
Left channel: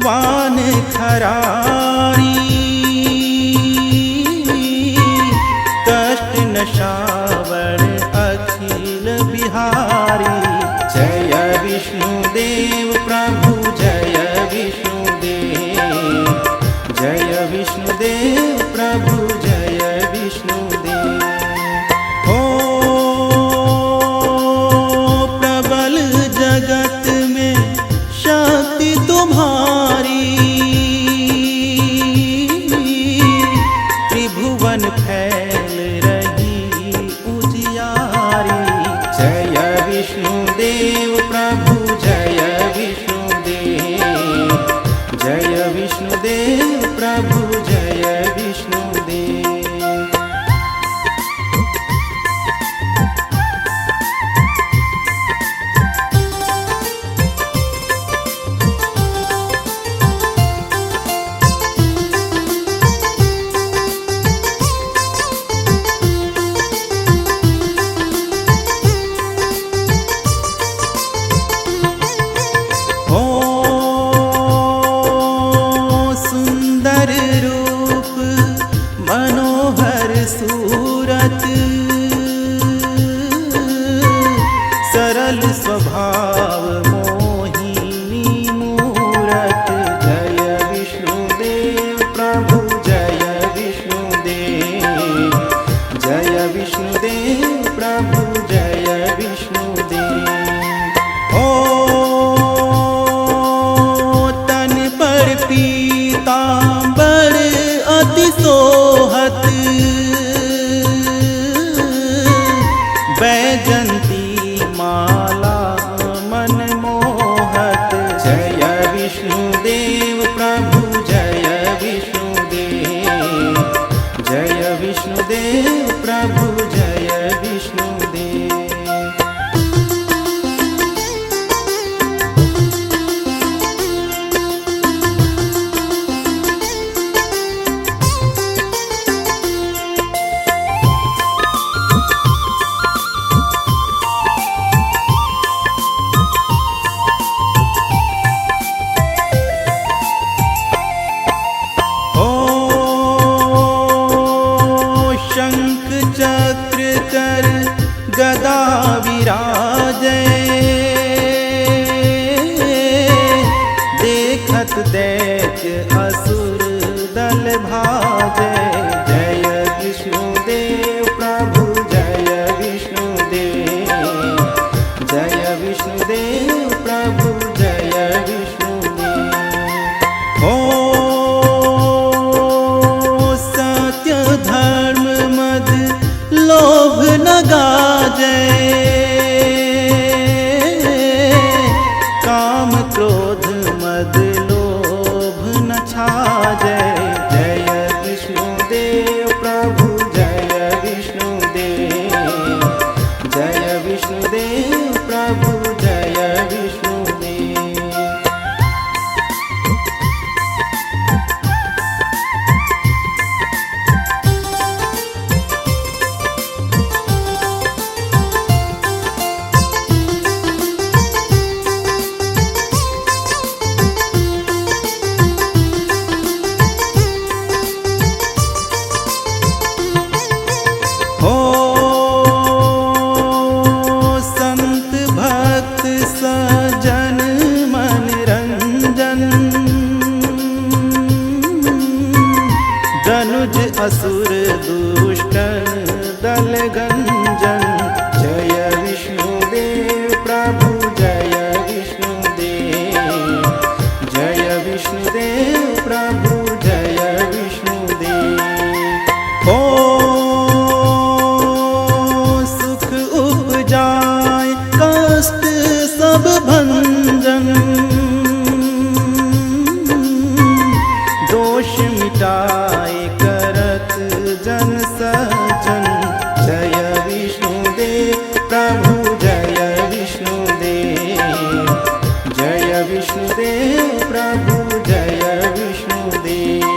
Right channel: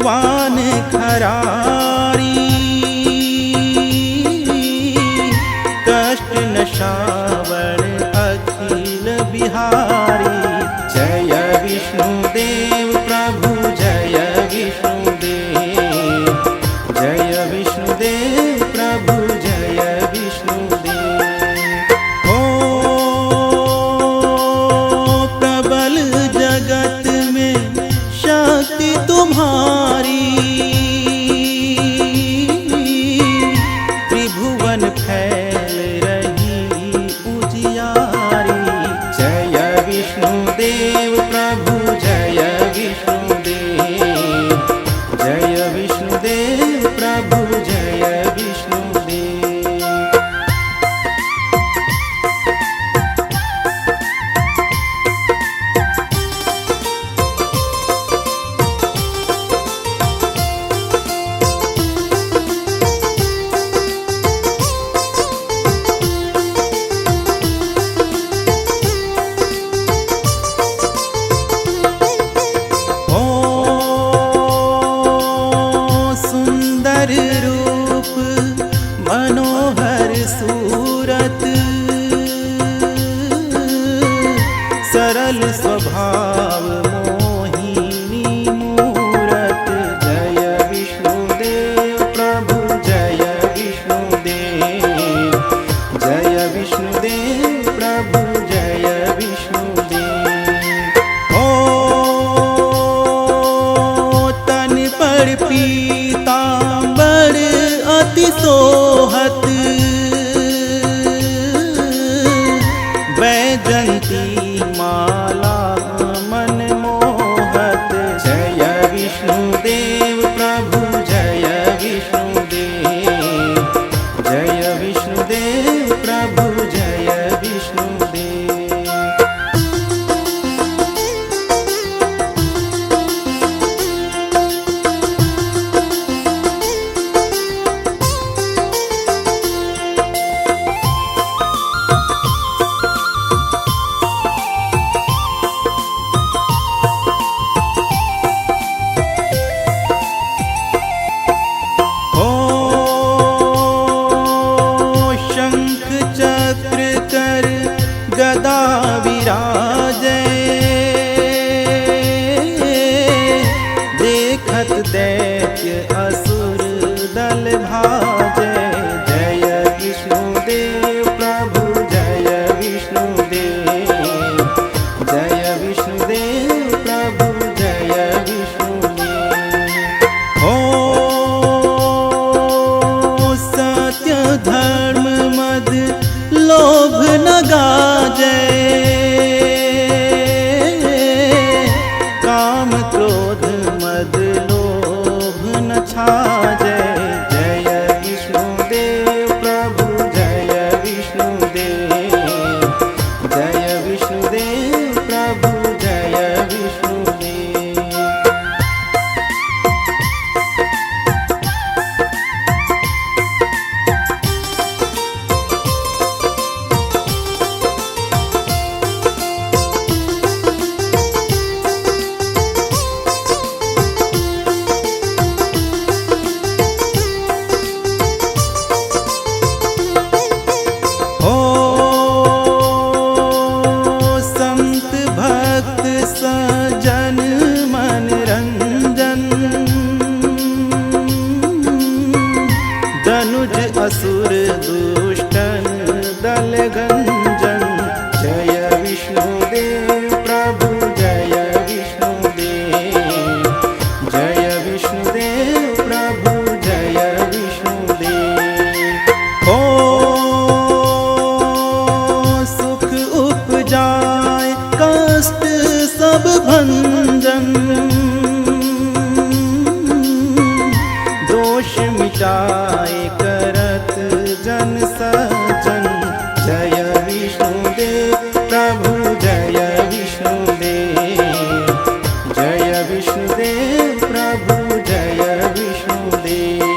वान खरारी कष्ट नशावर अखिल बिहारी जय विष्णुदेव प्रभु जय विष्णुदेव जय विष्णुदेव प्रभु जय विष्णुदेव। प्रबल जगत में शक्ति तुम्हारी त्रिभुवन फैल रही उजियारी जय विष्णुदेव प्रभु जय विष्णुदेव जय विष्णुदेव प्रभु जय विष्णुदेव। सुंदर रूप मनोहर सूरत सरल स्वभाव मोहिनी मूरत जय विष्णुदेव प्रभु जय विष्णुदेव जय विष्णुदेव प्रभु जय विष्णुदेव। तन पर पीतांबर अति सोहत बैजंती माला मन मोहत जय विष्णुदेव प्रभु जय विष्णुदेव जय विष्णुदेव प्रभु जय विष्णुदेव। गदा विराजे, देखत दैत्य असुर दल भाजे। जय विष्णुदेव प्रभु जय विष्णुदेव, जय विष्णुदेव प्रभु जय विष्णुदेव। हो सत्य धर्म मद लोभ न गाजे, काम क्रोध मद लोभ न छाजे। जय विष्णुदेव प्रभु जय विष्णुदेव, जय विष्णुदेव प्रभु जय विष्णुदेव। हो संत भक्त सजन मन रंजन, दनुज असुर दुष्टन दल गंजन। जय विष्णुदेव प्रभु जय विष्णुदेव, जय विष्णुदेव प्रभु जय विष्णुदेव। हो सुख उपजाए कष्ट सब भंजन, दोष मिटाए करत जन सज्जन। जय विष्णुदेव प्रभु जय विष्णुदेव, जय विष्णुदेव प्रभु जय विष्णुदेव।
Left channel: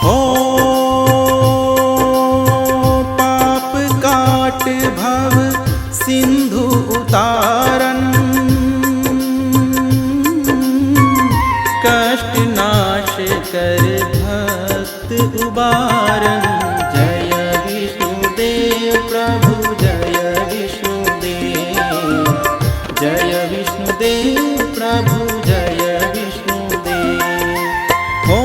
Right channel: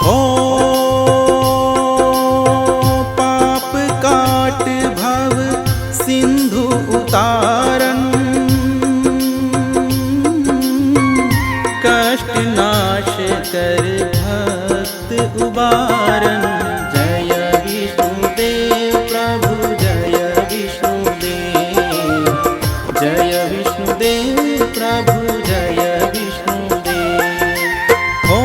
हो पाप काट भव सिंधु उतारन, कष्ट नाश कर भक्त उबारन। जय विष्णुदेव प्रभु जय विष्णुदेव, जय विष्णुदेव प्रभु जय विष्णुदेव। हो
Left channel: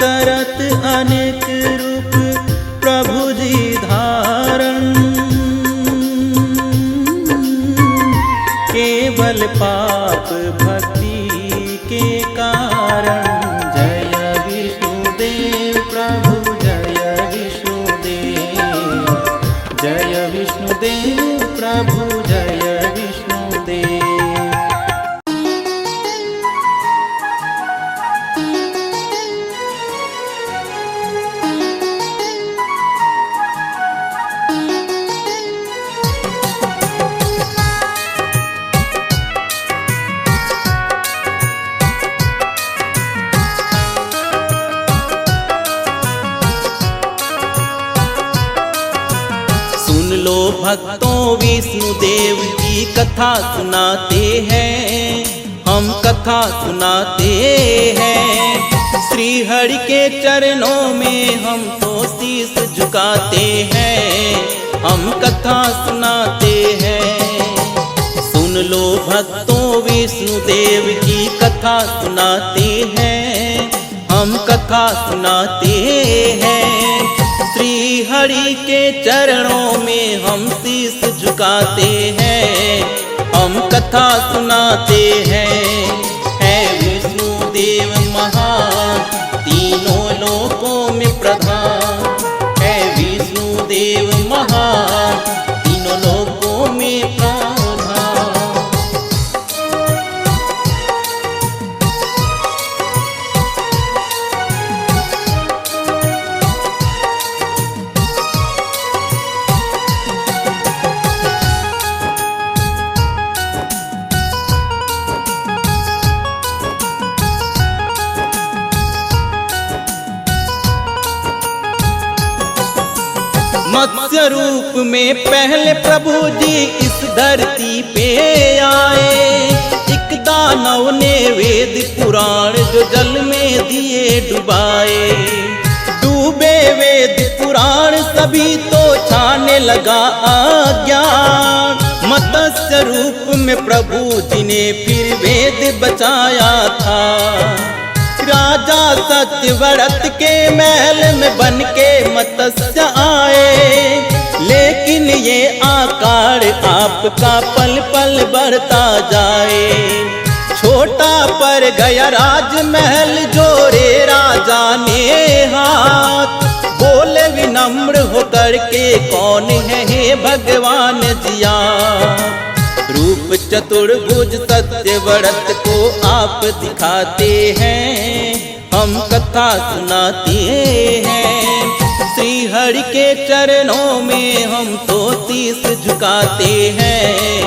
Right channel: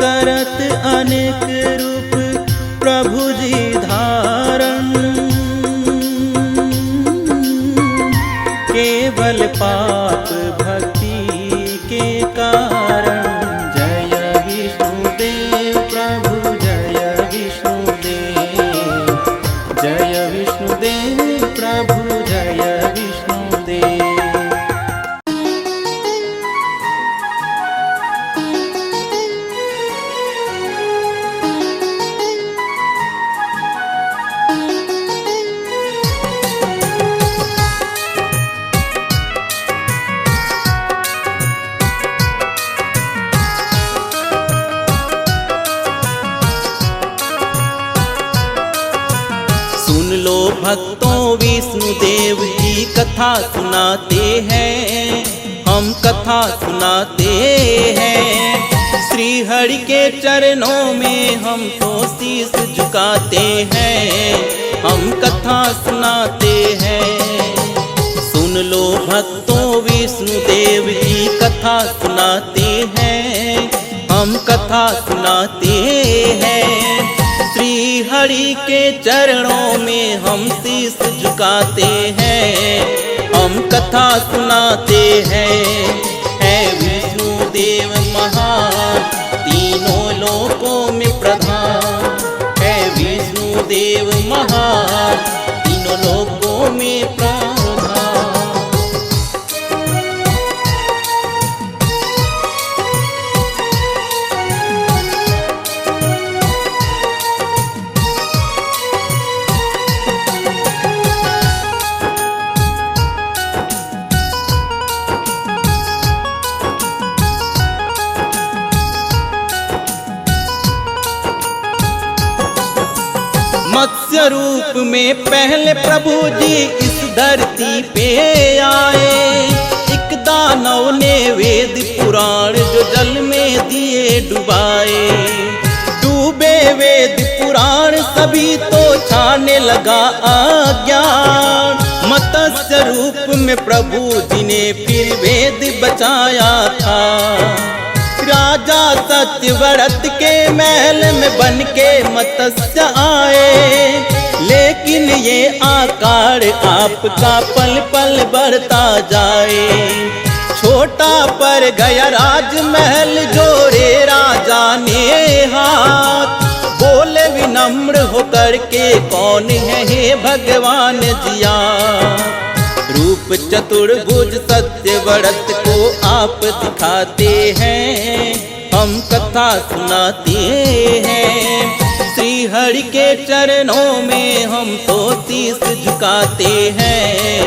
करत अनेक रूप प्रभु जी धारण, केवल पाप भक्ति के कारण। जय विष्णुदेव प्रभु जय विष्णुदेव, जय विष्णुदेव प्रभु जय विष्णुदेव। सुन लो भक्तों विष्णुदेव की कथा सुनाते हैं, हम कथा सुनाते हैं। श्री हरि के चरणों में हम तो शीश झुकाते हैं, हम कथा सुनाते हैं। सुन लो भक्तों विष्णुदेव की कथा सुनाते हैं, हम कथा सुनाते हैं। श्री हरि के चरणों में हम शीश झुकाते हैं, हम कथा सुनाते हैं। है विष्णुदेव महान तीनों लोकों में प्रधान, है विष्णुदेव महान तीनों लोकों में प्रधान। स्वरूप में पहले प्रभु जी इस धरती पे आए। एक दानव ने वेद पुराण जो जल में दिए डुबाए। डूबे वेद पुराण सभी तो छाने लगा अज्ञान। मत्स्य रूप में प्रभु जी ने फिर वेद बचाया था। राजा सत्यव्रत के महल में बन के मत्स्य आए, लेकिन ये आकार आपका पल पल बढ़ता जाए। छोटा पर गया राजमहल जोड़े राजा ने हाथ। बोले विनम्र होकर के कौन है हे भगवान जिया। रूप चतुर्भुज सत्यव्रत को आप दिखाते हैं, हम कथा सुनाते हैं। श्री हरि के चरणों में हम तो शीश झुकाते हैं,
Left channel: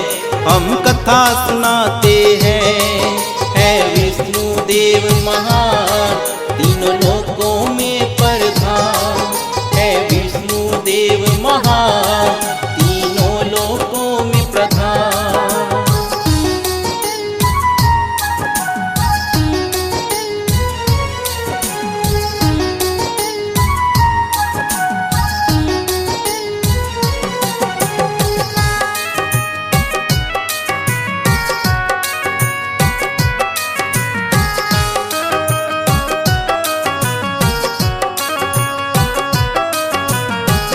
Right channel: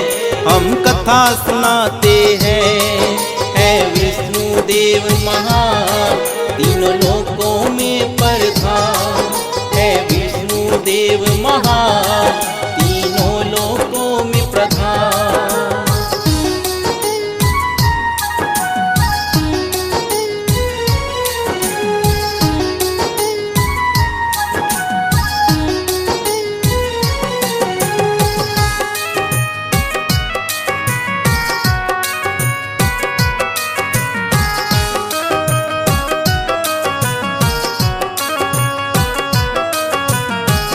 हम कथा सुनाते हैं। है विष्णु देव महान, तीनों लोकों में प्रधान। है विष्णु देव महान, तीनों लोकों में प्रधान।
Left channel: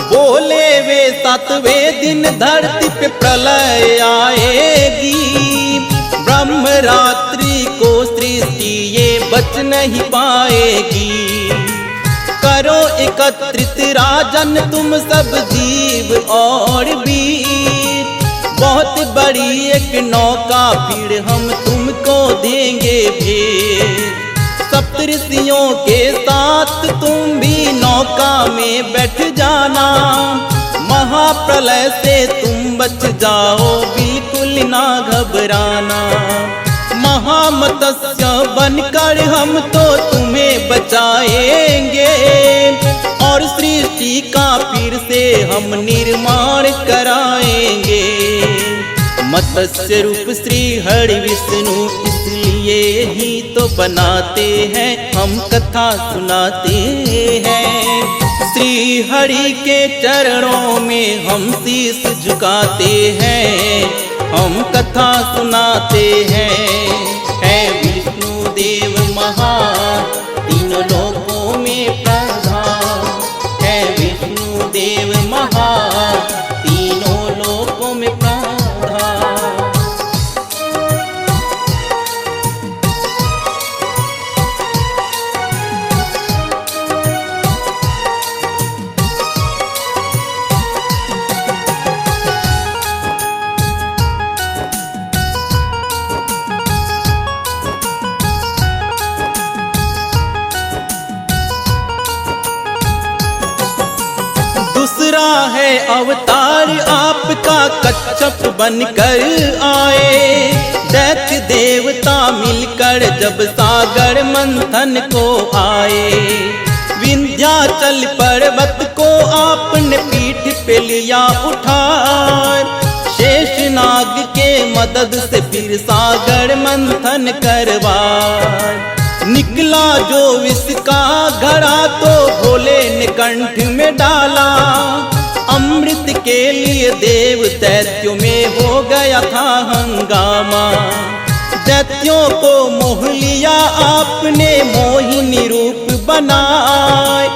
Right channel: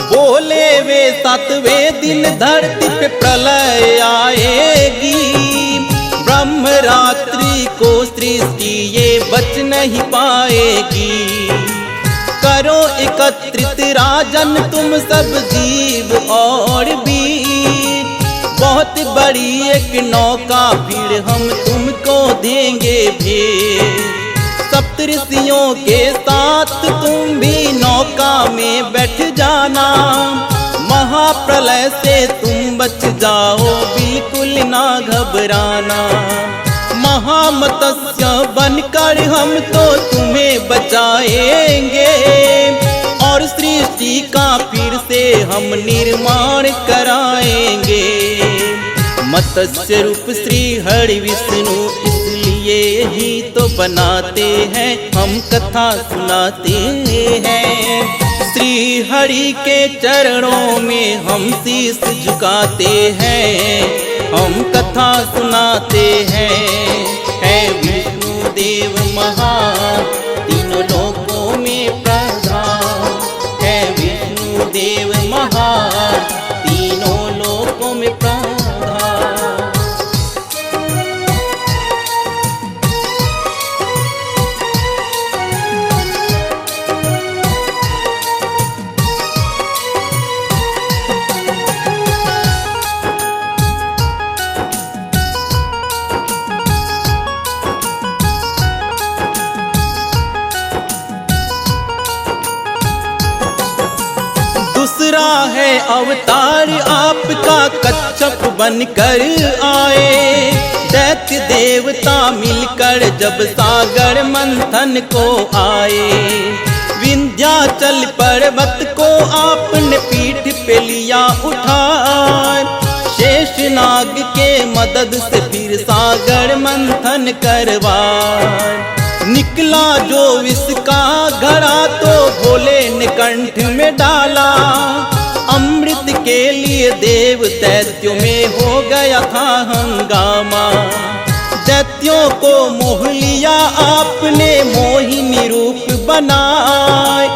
बोले वे 7वें दिन धरती पे प्रलय आएगी। ब्रह्म रात्रि को सृष्टि ये बच नहीं पाएगी। करो एकत्रित राजन तुम सब जीव और वीर। बहुत बड़ी एक नौका फिर हम तुमको देंगे भेंट। सप्तऋषियों के साथ तुम भी नौका में बैठ जाना। महाप्रलय से तुम बच जाओ बिल्कुल ना घबराना। महामत्स्य बनकर हम तो तुम्हें बचाएंगे और सृष्टि का फिर से हम निर्माण कराएंगे। मत्स्य रूप श्री हरि विष्णु इसलिए ही तो बनाते हैं, हम कथा सुनाते हैं। श्री हरि के चरणों में हम शीश झुकाते हैं, हम कथा सुनाते हैं। है विष्णु देव महान, तीनों लोकों में प्रधान। है विष्णु देव महान, तीनों लोकों में प्रधान। दूसरा है अवतार आपका कच्छप बनकर आए। दैत्य देवता मिलकर जब सागर मंथन को आए। विंध्याचल पर्वत को आपने पीठ पे लिया उठाए। शेषनाग के मदद से फिर सागर मंथन करवाए। निकला जो विष का घड़ा तो भोले ने कंठ में डाला। अमृत के लिए देव दैत्यों में हो गया था हंगामा। दैत्यों को मोह लिया आपने मोहिनी रूप बनाए।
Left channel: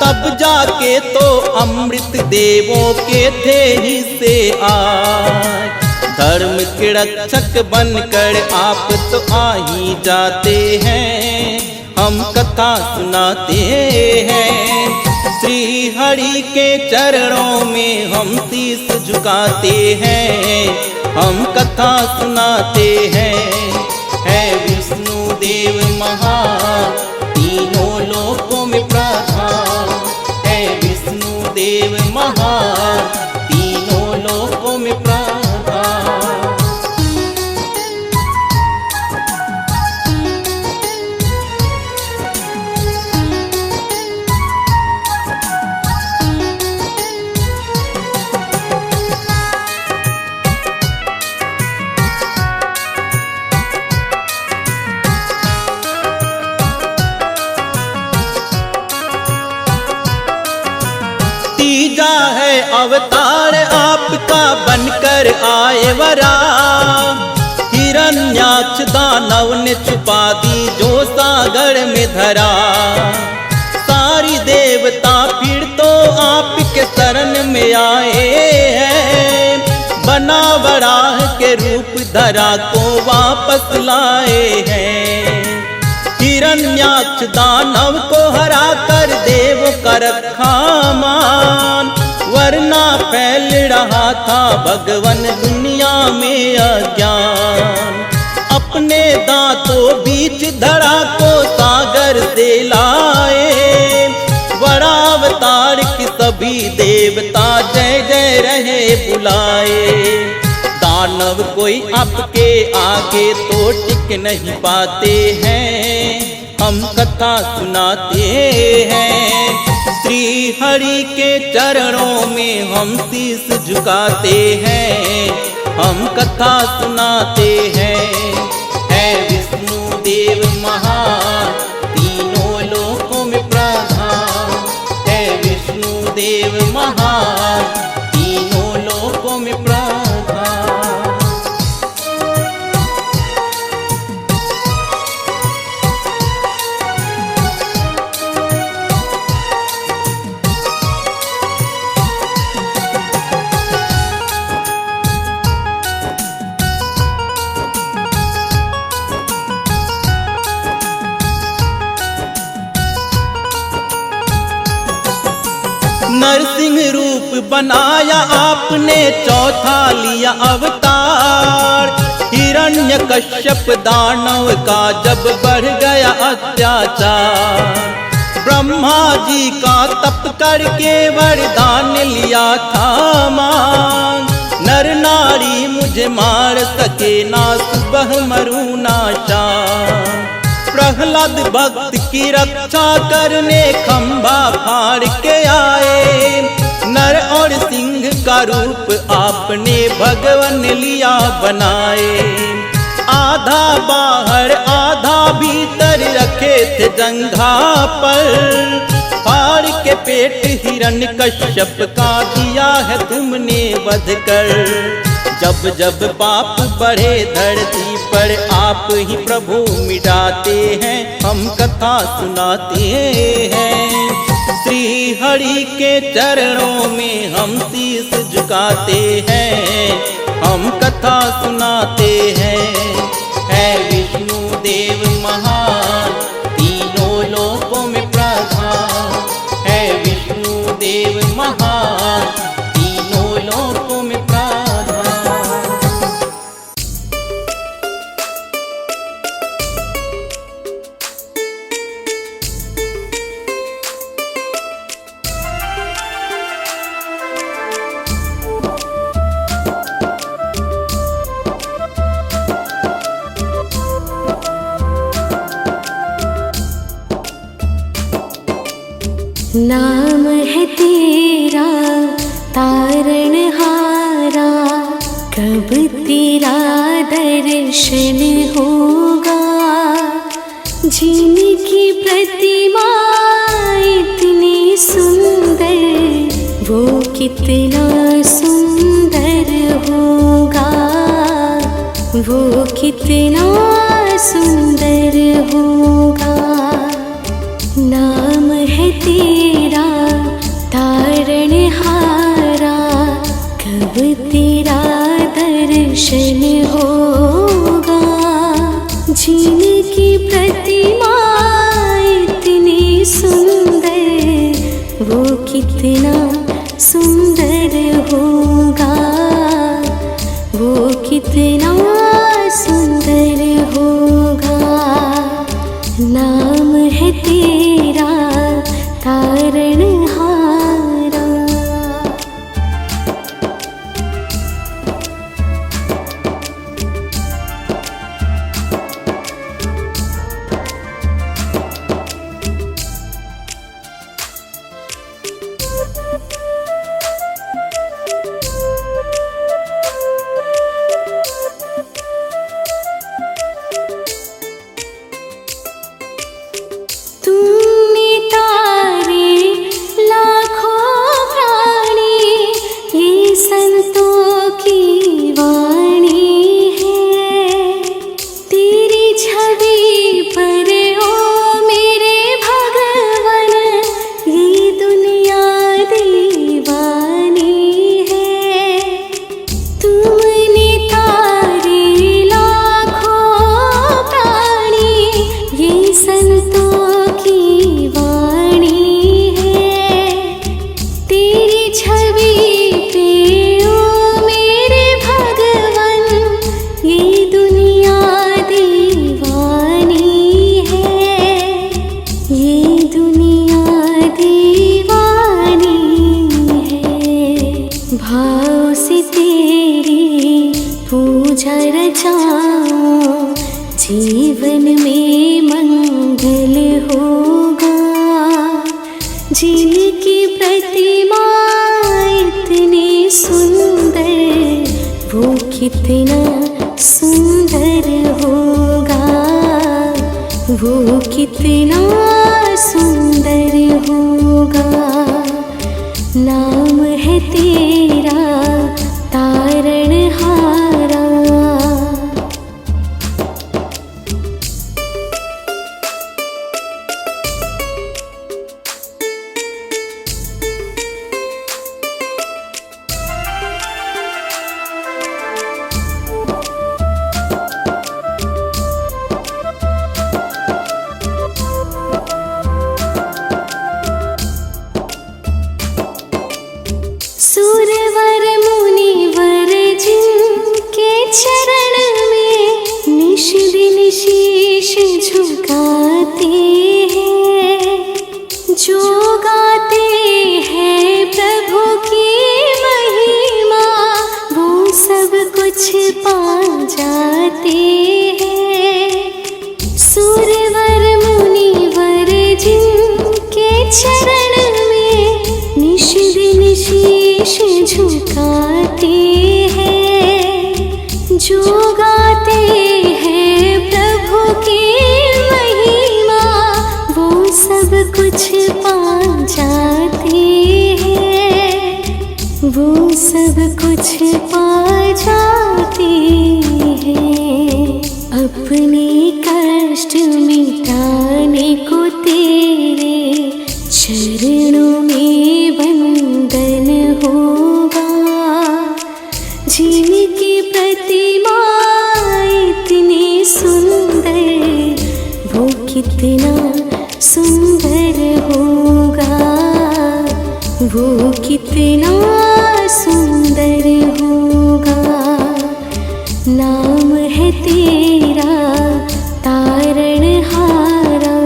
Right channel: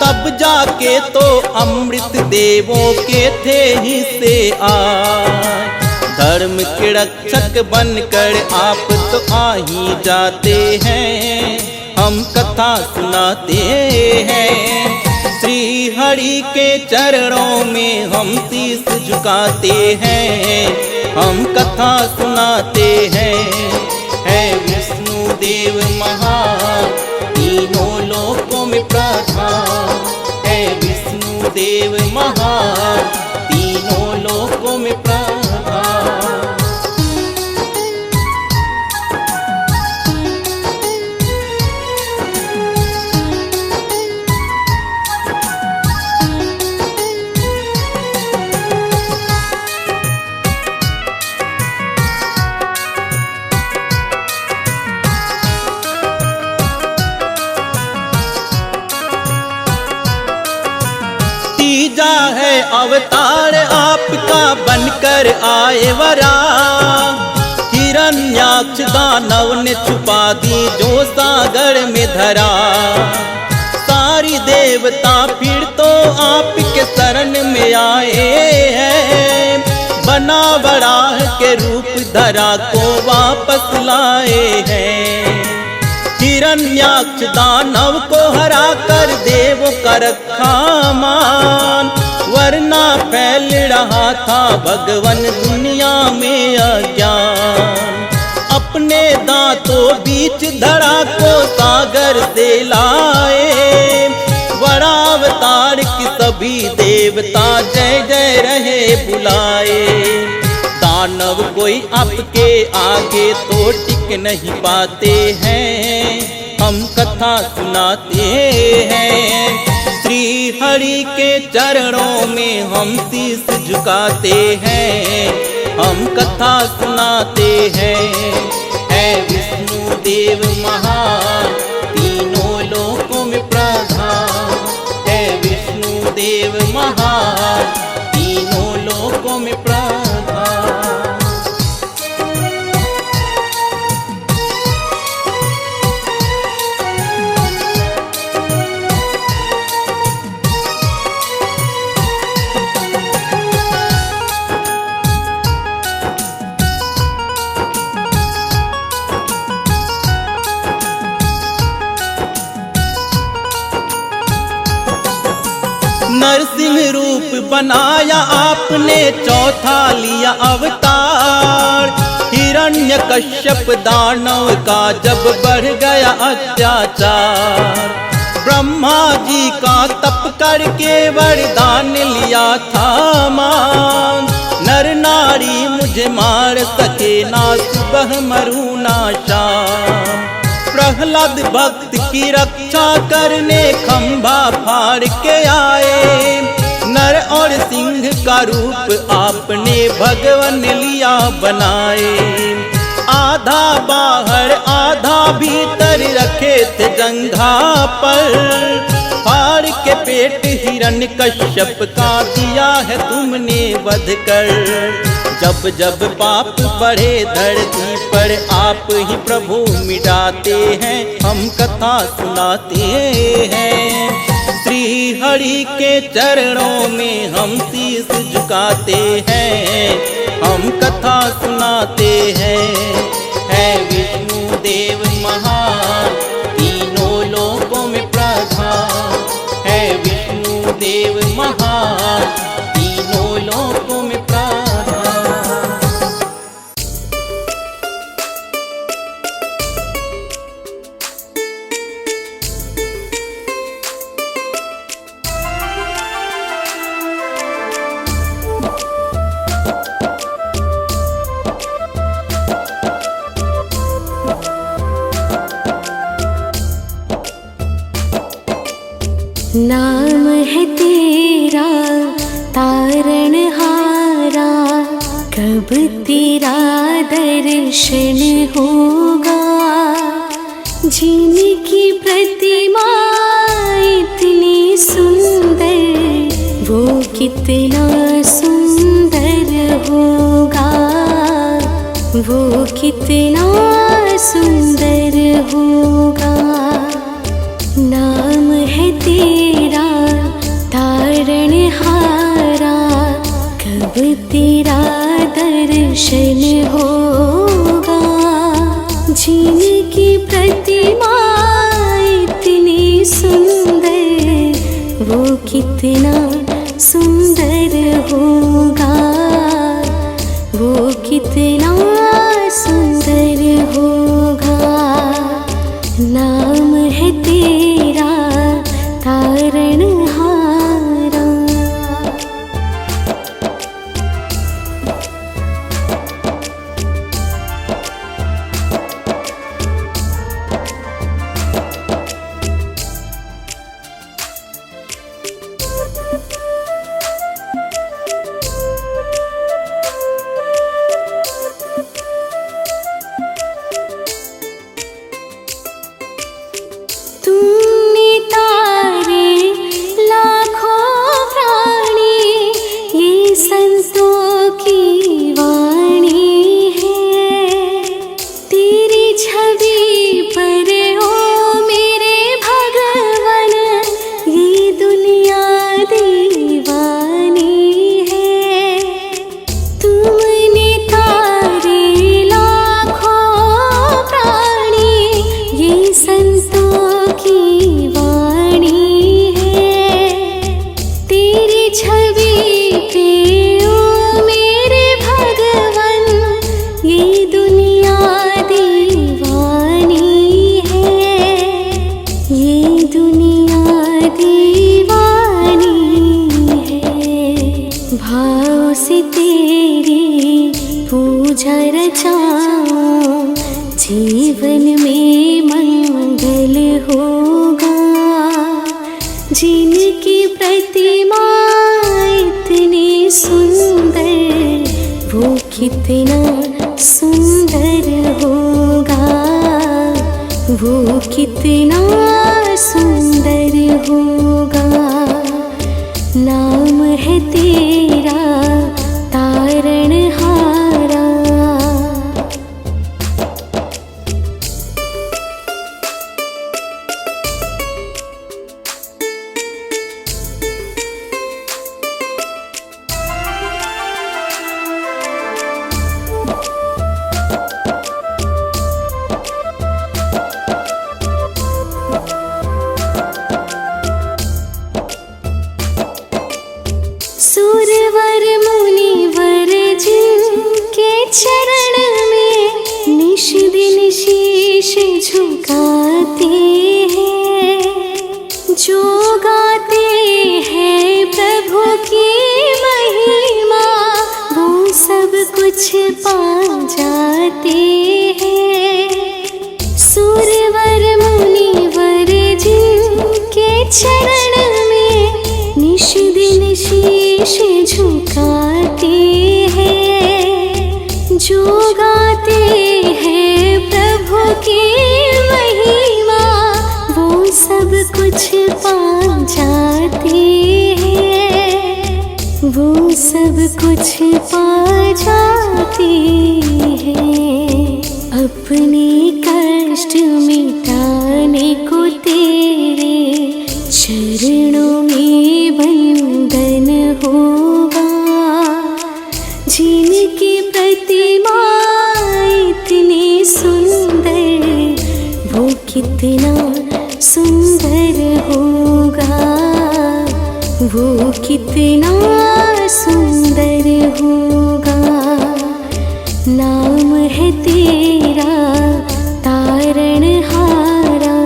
तब जाके तो अमृत देवों के थे हिस्से आए। धर्म के रक्षक बनकर आप तो आ ही जाते हैं, हम कथा सुनाते हैं। श्री हरि के चरणों में हम शीश झुकाते हैं, हम कथा सुनाते हैं। है विष्णु देव महान, तीनों लोकों में प्रधान। है विष्णु देव महान, तीनों लोकों में प्रधान। तीजा है अवतार आपका बनकर आए वरा। हिरण्याक्ष दानव ने छुपा दी जो सागर में धरा। सारी देवता फिर तो आपके शरण में आए हैं। बना वराह के रूप धरा को वापस लाए हैं। हिरण्याक्ष दानव को हरा कर देव का रखा मान। वरना फैल रहा था भगवन दुनिया में अज्ञान। अपने दांतों बीच धरा को सागर से लाए। वरावतार की सभी देवता जय जय रहे बुलाए। दानव कोई आपके आगे तो टिक नहीं पाते हैं। हम कथा सुनाते हैं। श्री हरि के चरणों में हम शीश झुकाते हैं। हम कथा सुनाते हैं। है विष्णु देव महान तीनों लोकों में प्रधान। है विष्णु देव महान तीनों लोकों में प्रधान। नरसिंह रूप बनाया आपने चौथा लिया अवतार। हिरण्यकश्यप दानव का जब बढ़ गया अत्याचार। ब्रह्मा जी का तप करके वरदान लिया था मान। नर नारी मुझे मार सके ना सुबह मरूं ना शाम। प्रहलाद भक्त की रक्षा करने खंभा फाड़ के आए। नर और सिंह का रूप आपने भगवन लिया बनाए। आधा बाहर आधा भीतर रखे थे जंघा पर। फाड़ के पेट हिरण्यकश्यप का दिया है तुमने वध कर। जब जब पाप बढ़े धरती पर आप ही प्रभु मिटाते हैं। हम कथा सुनाते हैं। श्री हरि के चरणों में हम शीश झुकाते हैं। हम कथा सुनाते हैं। है विष्णु देव महान तीनों लोकों में प्रधान। है विष्णु देव महान तीनों लोकों में प्रधान। नाम है तेरा तारणहारा। कब तेरा दर्शन होगा। जिनकी प्रतिमा इतनी सुंदर वो कितना सुंदर होगा। वो कितना सुंदर होगा। नाम है तेरा तारणहारा। कब तेरा दर्शन होगा। जिनकी प्रतिमा इतनी सुंदर वो कितना सुंदर होगा। वो कितना सुंदर होगा। नाम है तेरा तारणहारा। तुम ये संतों की वाणी है। तेरी छवि पे ओ मेरे भगवन, ये दुनिया दीवानी है, ये दुनिया दीवानी है। भाव से तेरी पूजा रचाऊं, जीवन में मंगल होगा। जिनकी प्रतिमा इतनी सुंदर, वो कितना सुंदर होगा, वो कितना सुंदर होगा। नाम है तेरा तारणहारा। सुरवर मुनिवर जिनके चरण में निश दिन शीश झुकाते हैं, जो गाते हैं प्रभु की महिमा, वो सब कुछ पा जाते हैं। सुरवर मुनिवर जिनके चरण में निश दिन शीश झुकाते हैं, जो गाते हैं प्रभु की महिमा, वो सब कुछ पा जाते हैं, वो सब कुछ पा जाते हैं। अपने कष्ट मिटाने को तेरे चरणों में बंधन होगा। जिनकी प्रतिमा इतनी सुंदर, वो कितना सुंदर होगा, वो कितना सुंदर होगा। नाम है तेरा तारणहारा।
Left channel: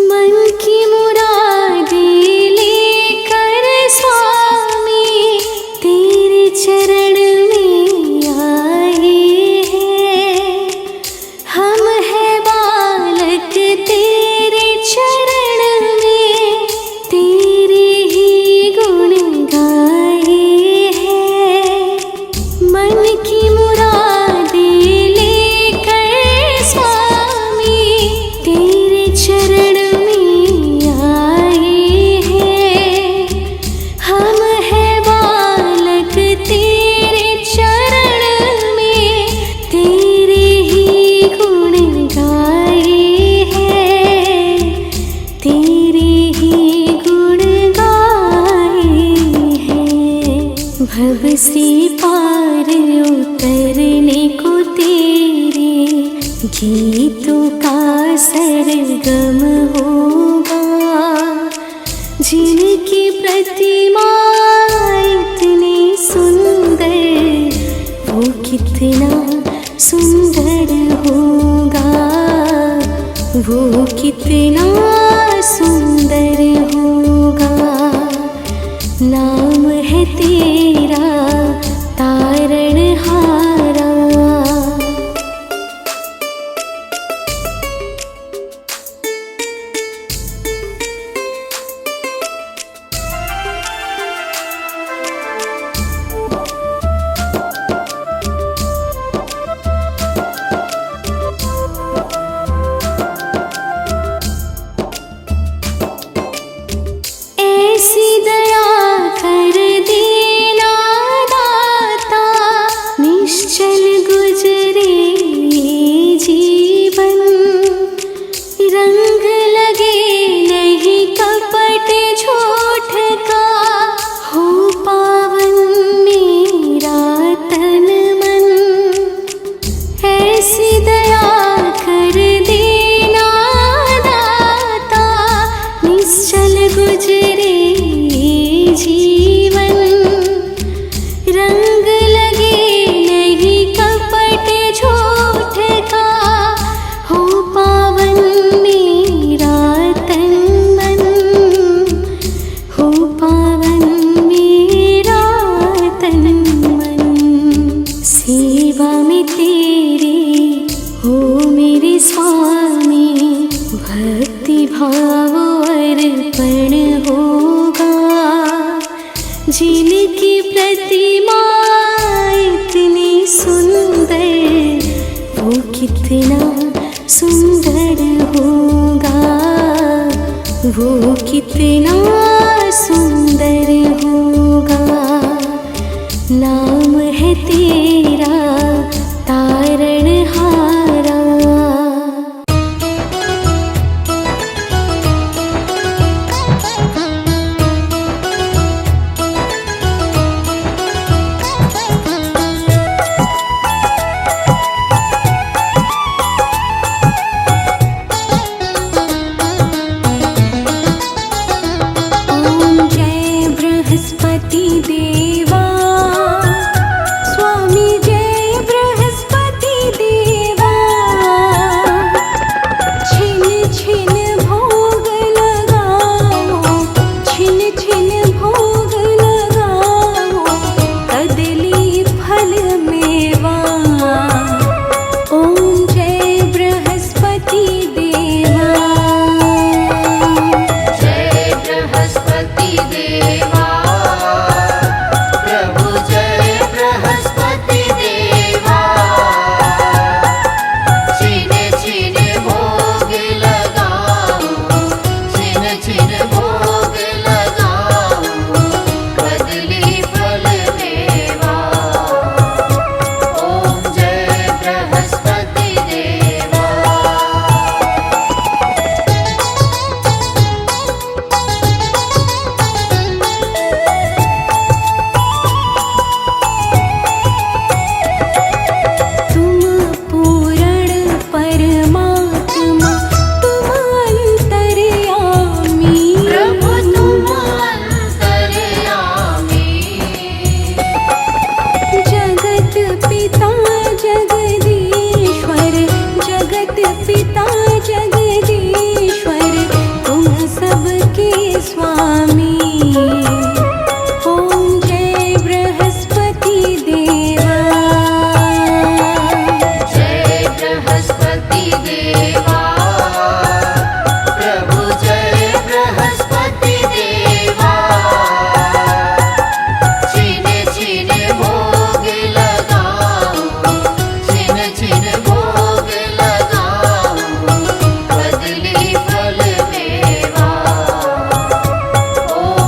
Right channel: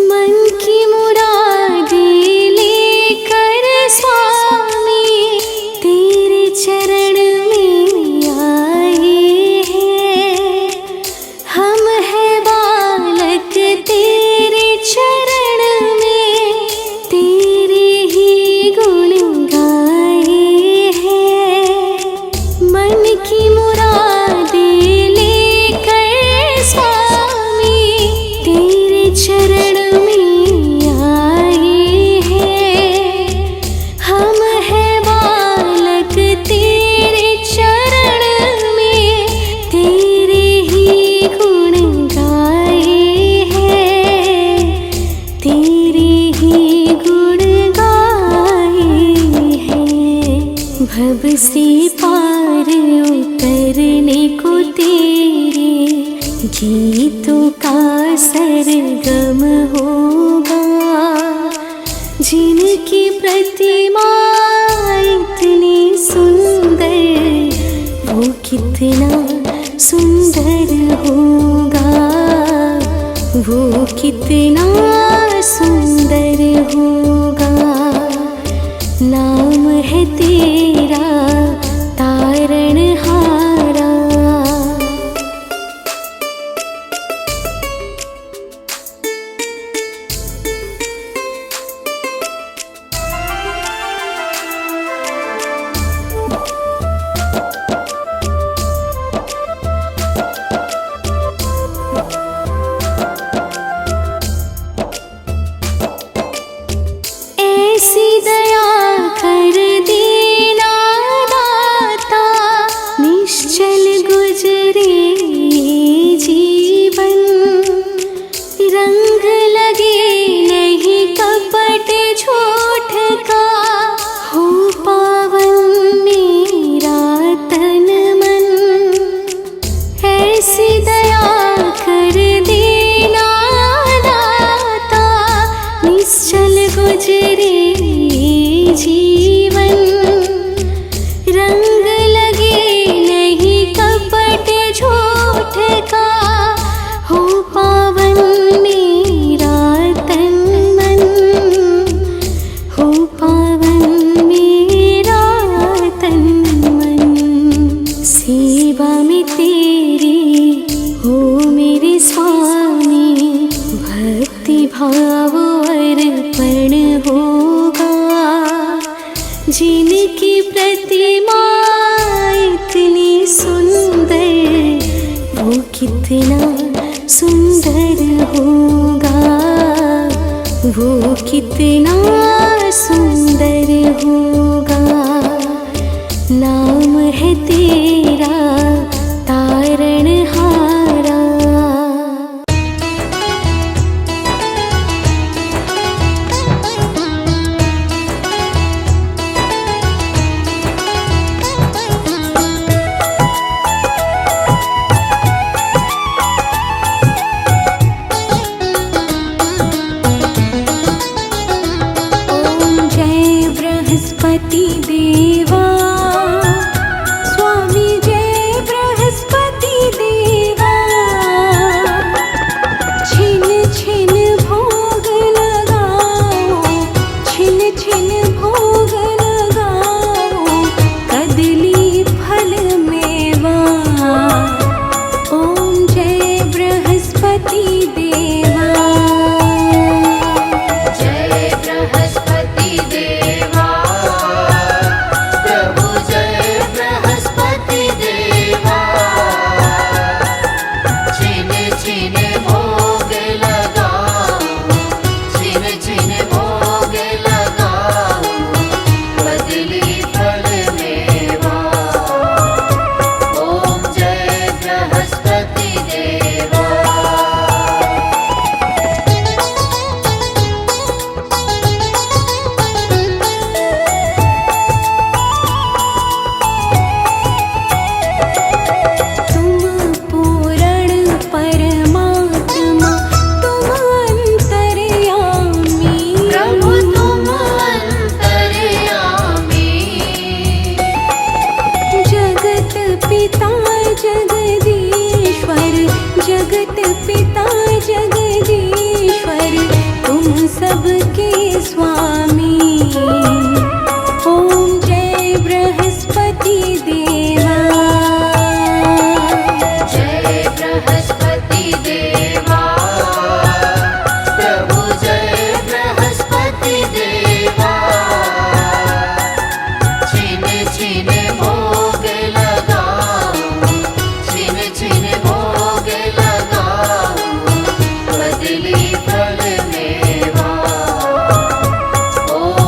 मन की मुरादें लेकर स्वामी तेरे चरण में आए हैं। हम हैं बालक तेरे चरण में, तेरे ही गुण गाए हैं। मन की मुरादें लेकर स्वामी तेरे चरण भव से पार उतरने को तेरे गीतों का सरगम होगा। जिनकी प्रतिमा इतनी सुंदर, वो कितना सुंदर होगा, वो कितना सुंदर होगा। नाम है तेरा तारणहारा। ऐसी झूठ का हो पावन मेरा तन मन। ऐसी दया कर देना दाता, निश्चल गुजरे जीवन। रंग लगे नहीं कपट झूठ का हो पावन मेरा तन मन। हो पावन मेरा तन मन। सेवा में तेरी हो मेरे स्वामी, भक्ति भाव अर्पण होगा। जिनकी प्रतिमा इतनी सुंदर, वो कितना सुंदर होगा। वो कितना सुंदर होगा। नाम है तेरा तारणहारा। बृहस्पति देवा, स्वामी जय बृहस्पति देवा। छिन छिन भोग लगाओ, छिन छिन भोग लगाओ, कदली फल मेवा। ओम जय बृहस्पति देवा। जय बृहस्पति देवा, प्रभु जय बृहस्पति देवा। छिन छिन भोग लगाओ, छिन छिन भोग लगाओ, कदली फल मेवा। ओम जय बृहस्पति देवा। तुम पूर्ण परमात्मा, तुम अंतर्यामी। प्रभु तुम अंतर्यामी। जगत पिता जगदीश्वर, जगत पिता जगदीश्वर, तुम सबके स्वामी। ओम जय बृहस्पति देवा। जय बृहस्पति देवा, प्रभु जय बृहस्पति देवा। छिन छिन भोग लगाओ, छिन छिन भोग लगाओ, कदली फल मेवा। ओम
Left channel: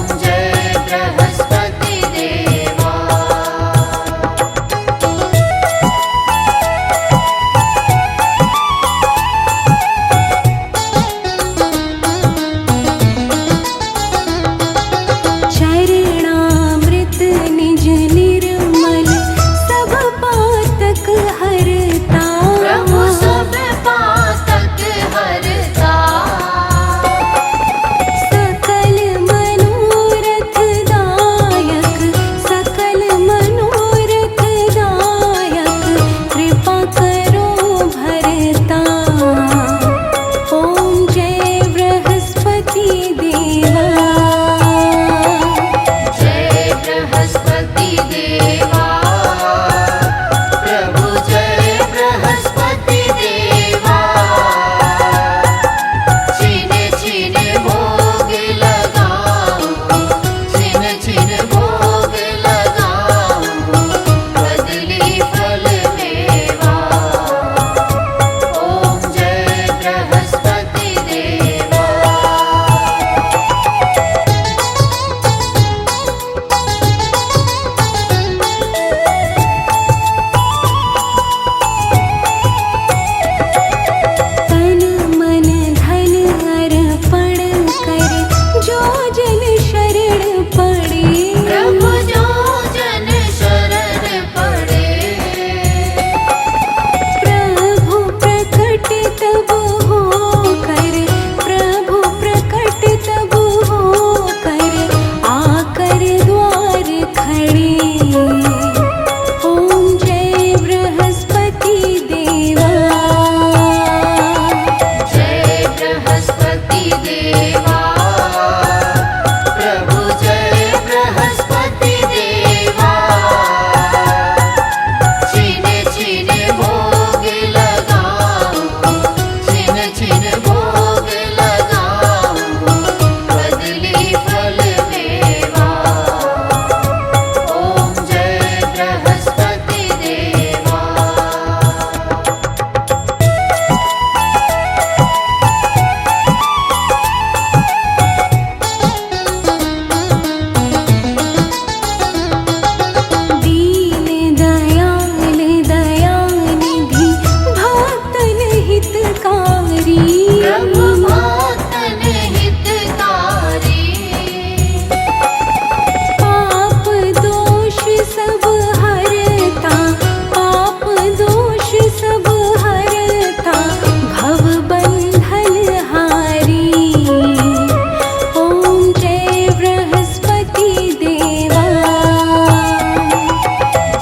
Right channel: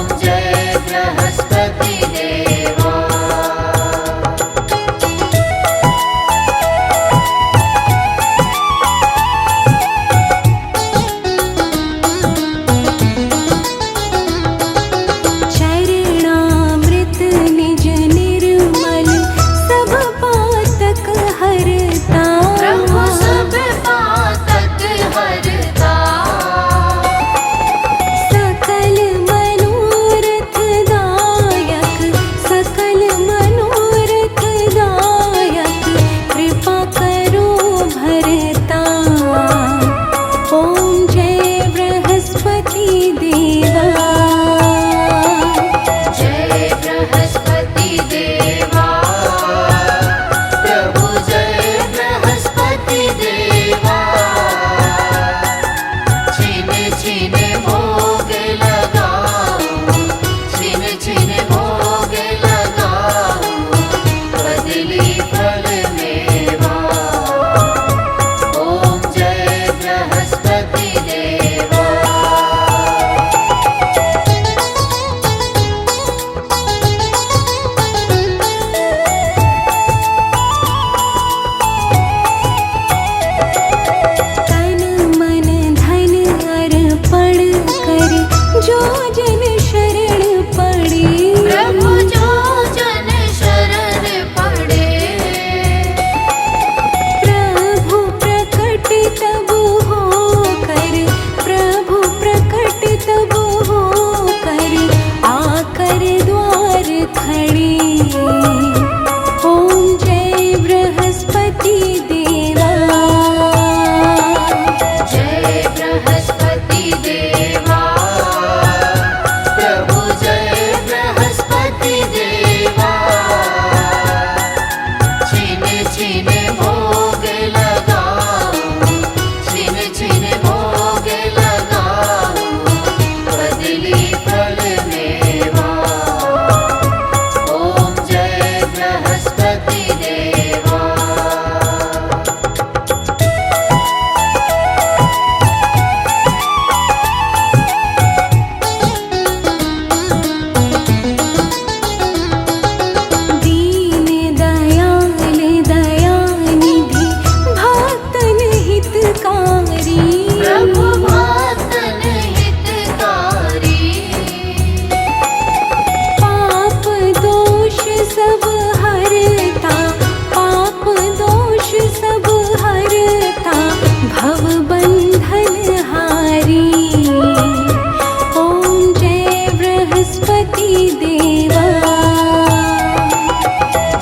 बृहस्पति देवा।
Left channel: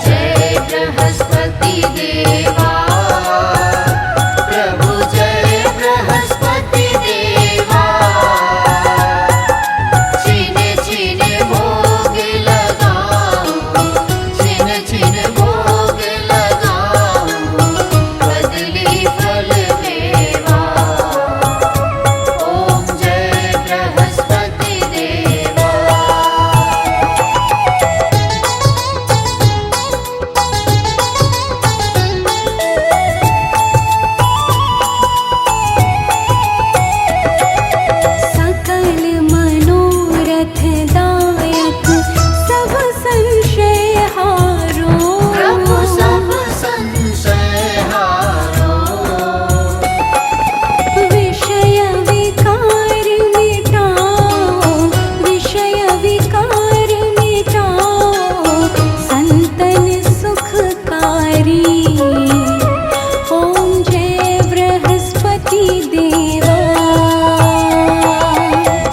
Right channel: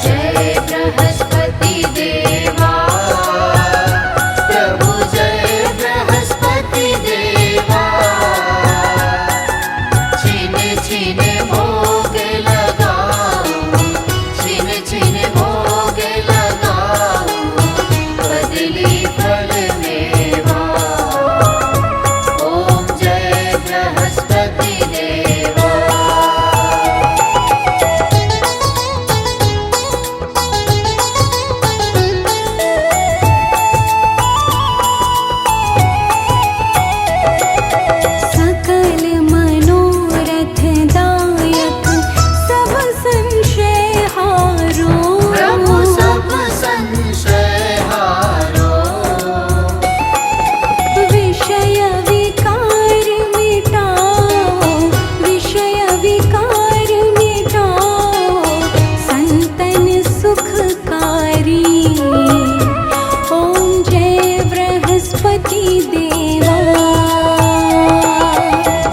जय बृहस्पति देवा, प्रभु जय बृहस्पति देवा। छिन छिन भोग लगाओ, छिन छिन भोग लगाओ, बदली फल मेवा। ओम जय बृहस्पति देवा। सकल मनोरथ दायक सब संशय हारो। प्रभु सब संशय हारो, विषय विकार मिटाओ, विषय विकार मिटाओ, संतन सुखकारी। ओम जय बृहस्पति देवा।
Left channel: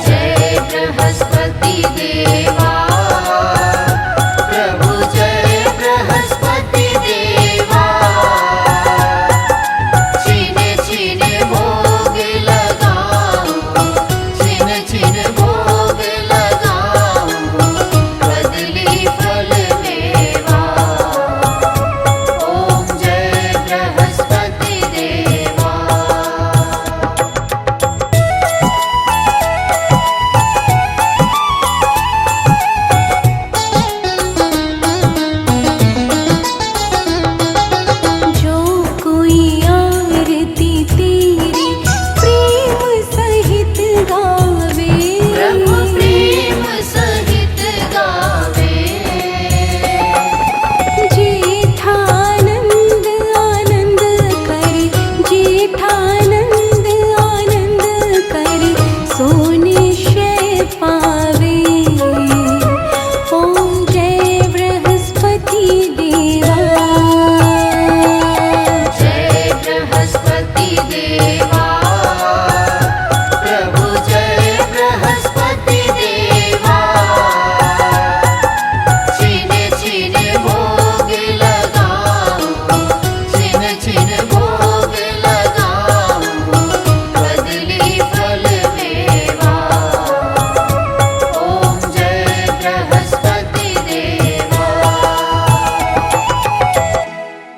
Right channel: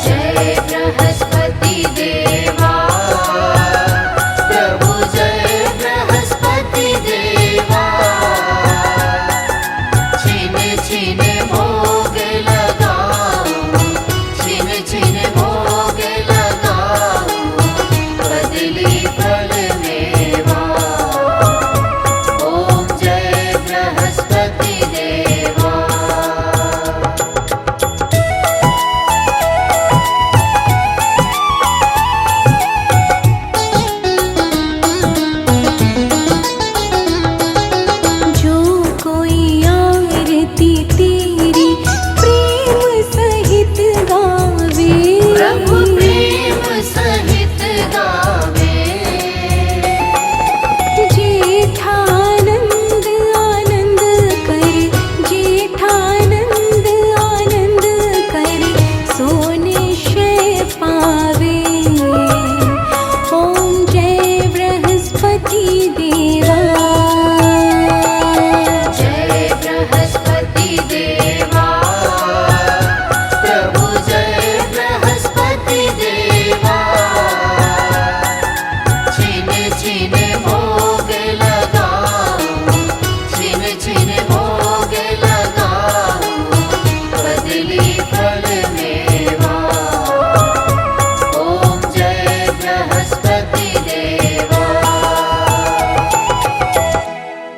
जय बृहस्पति देवा।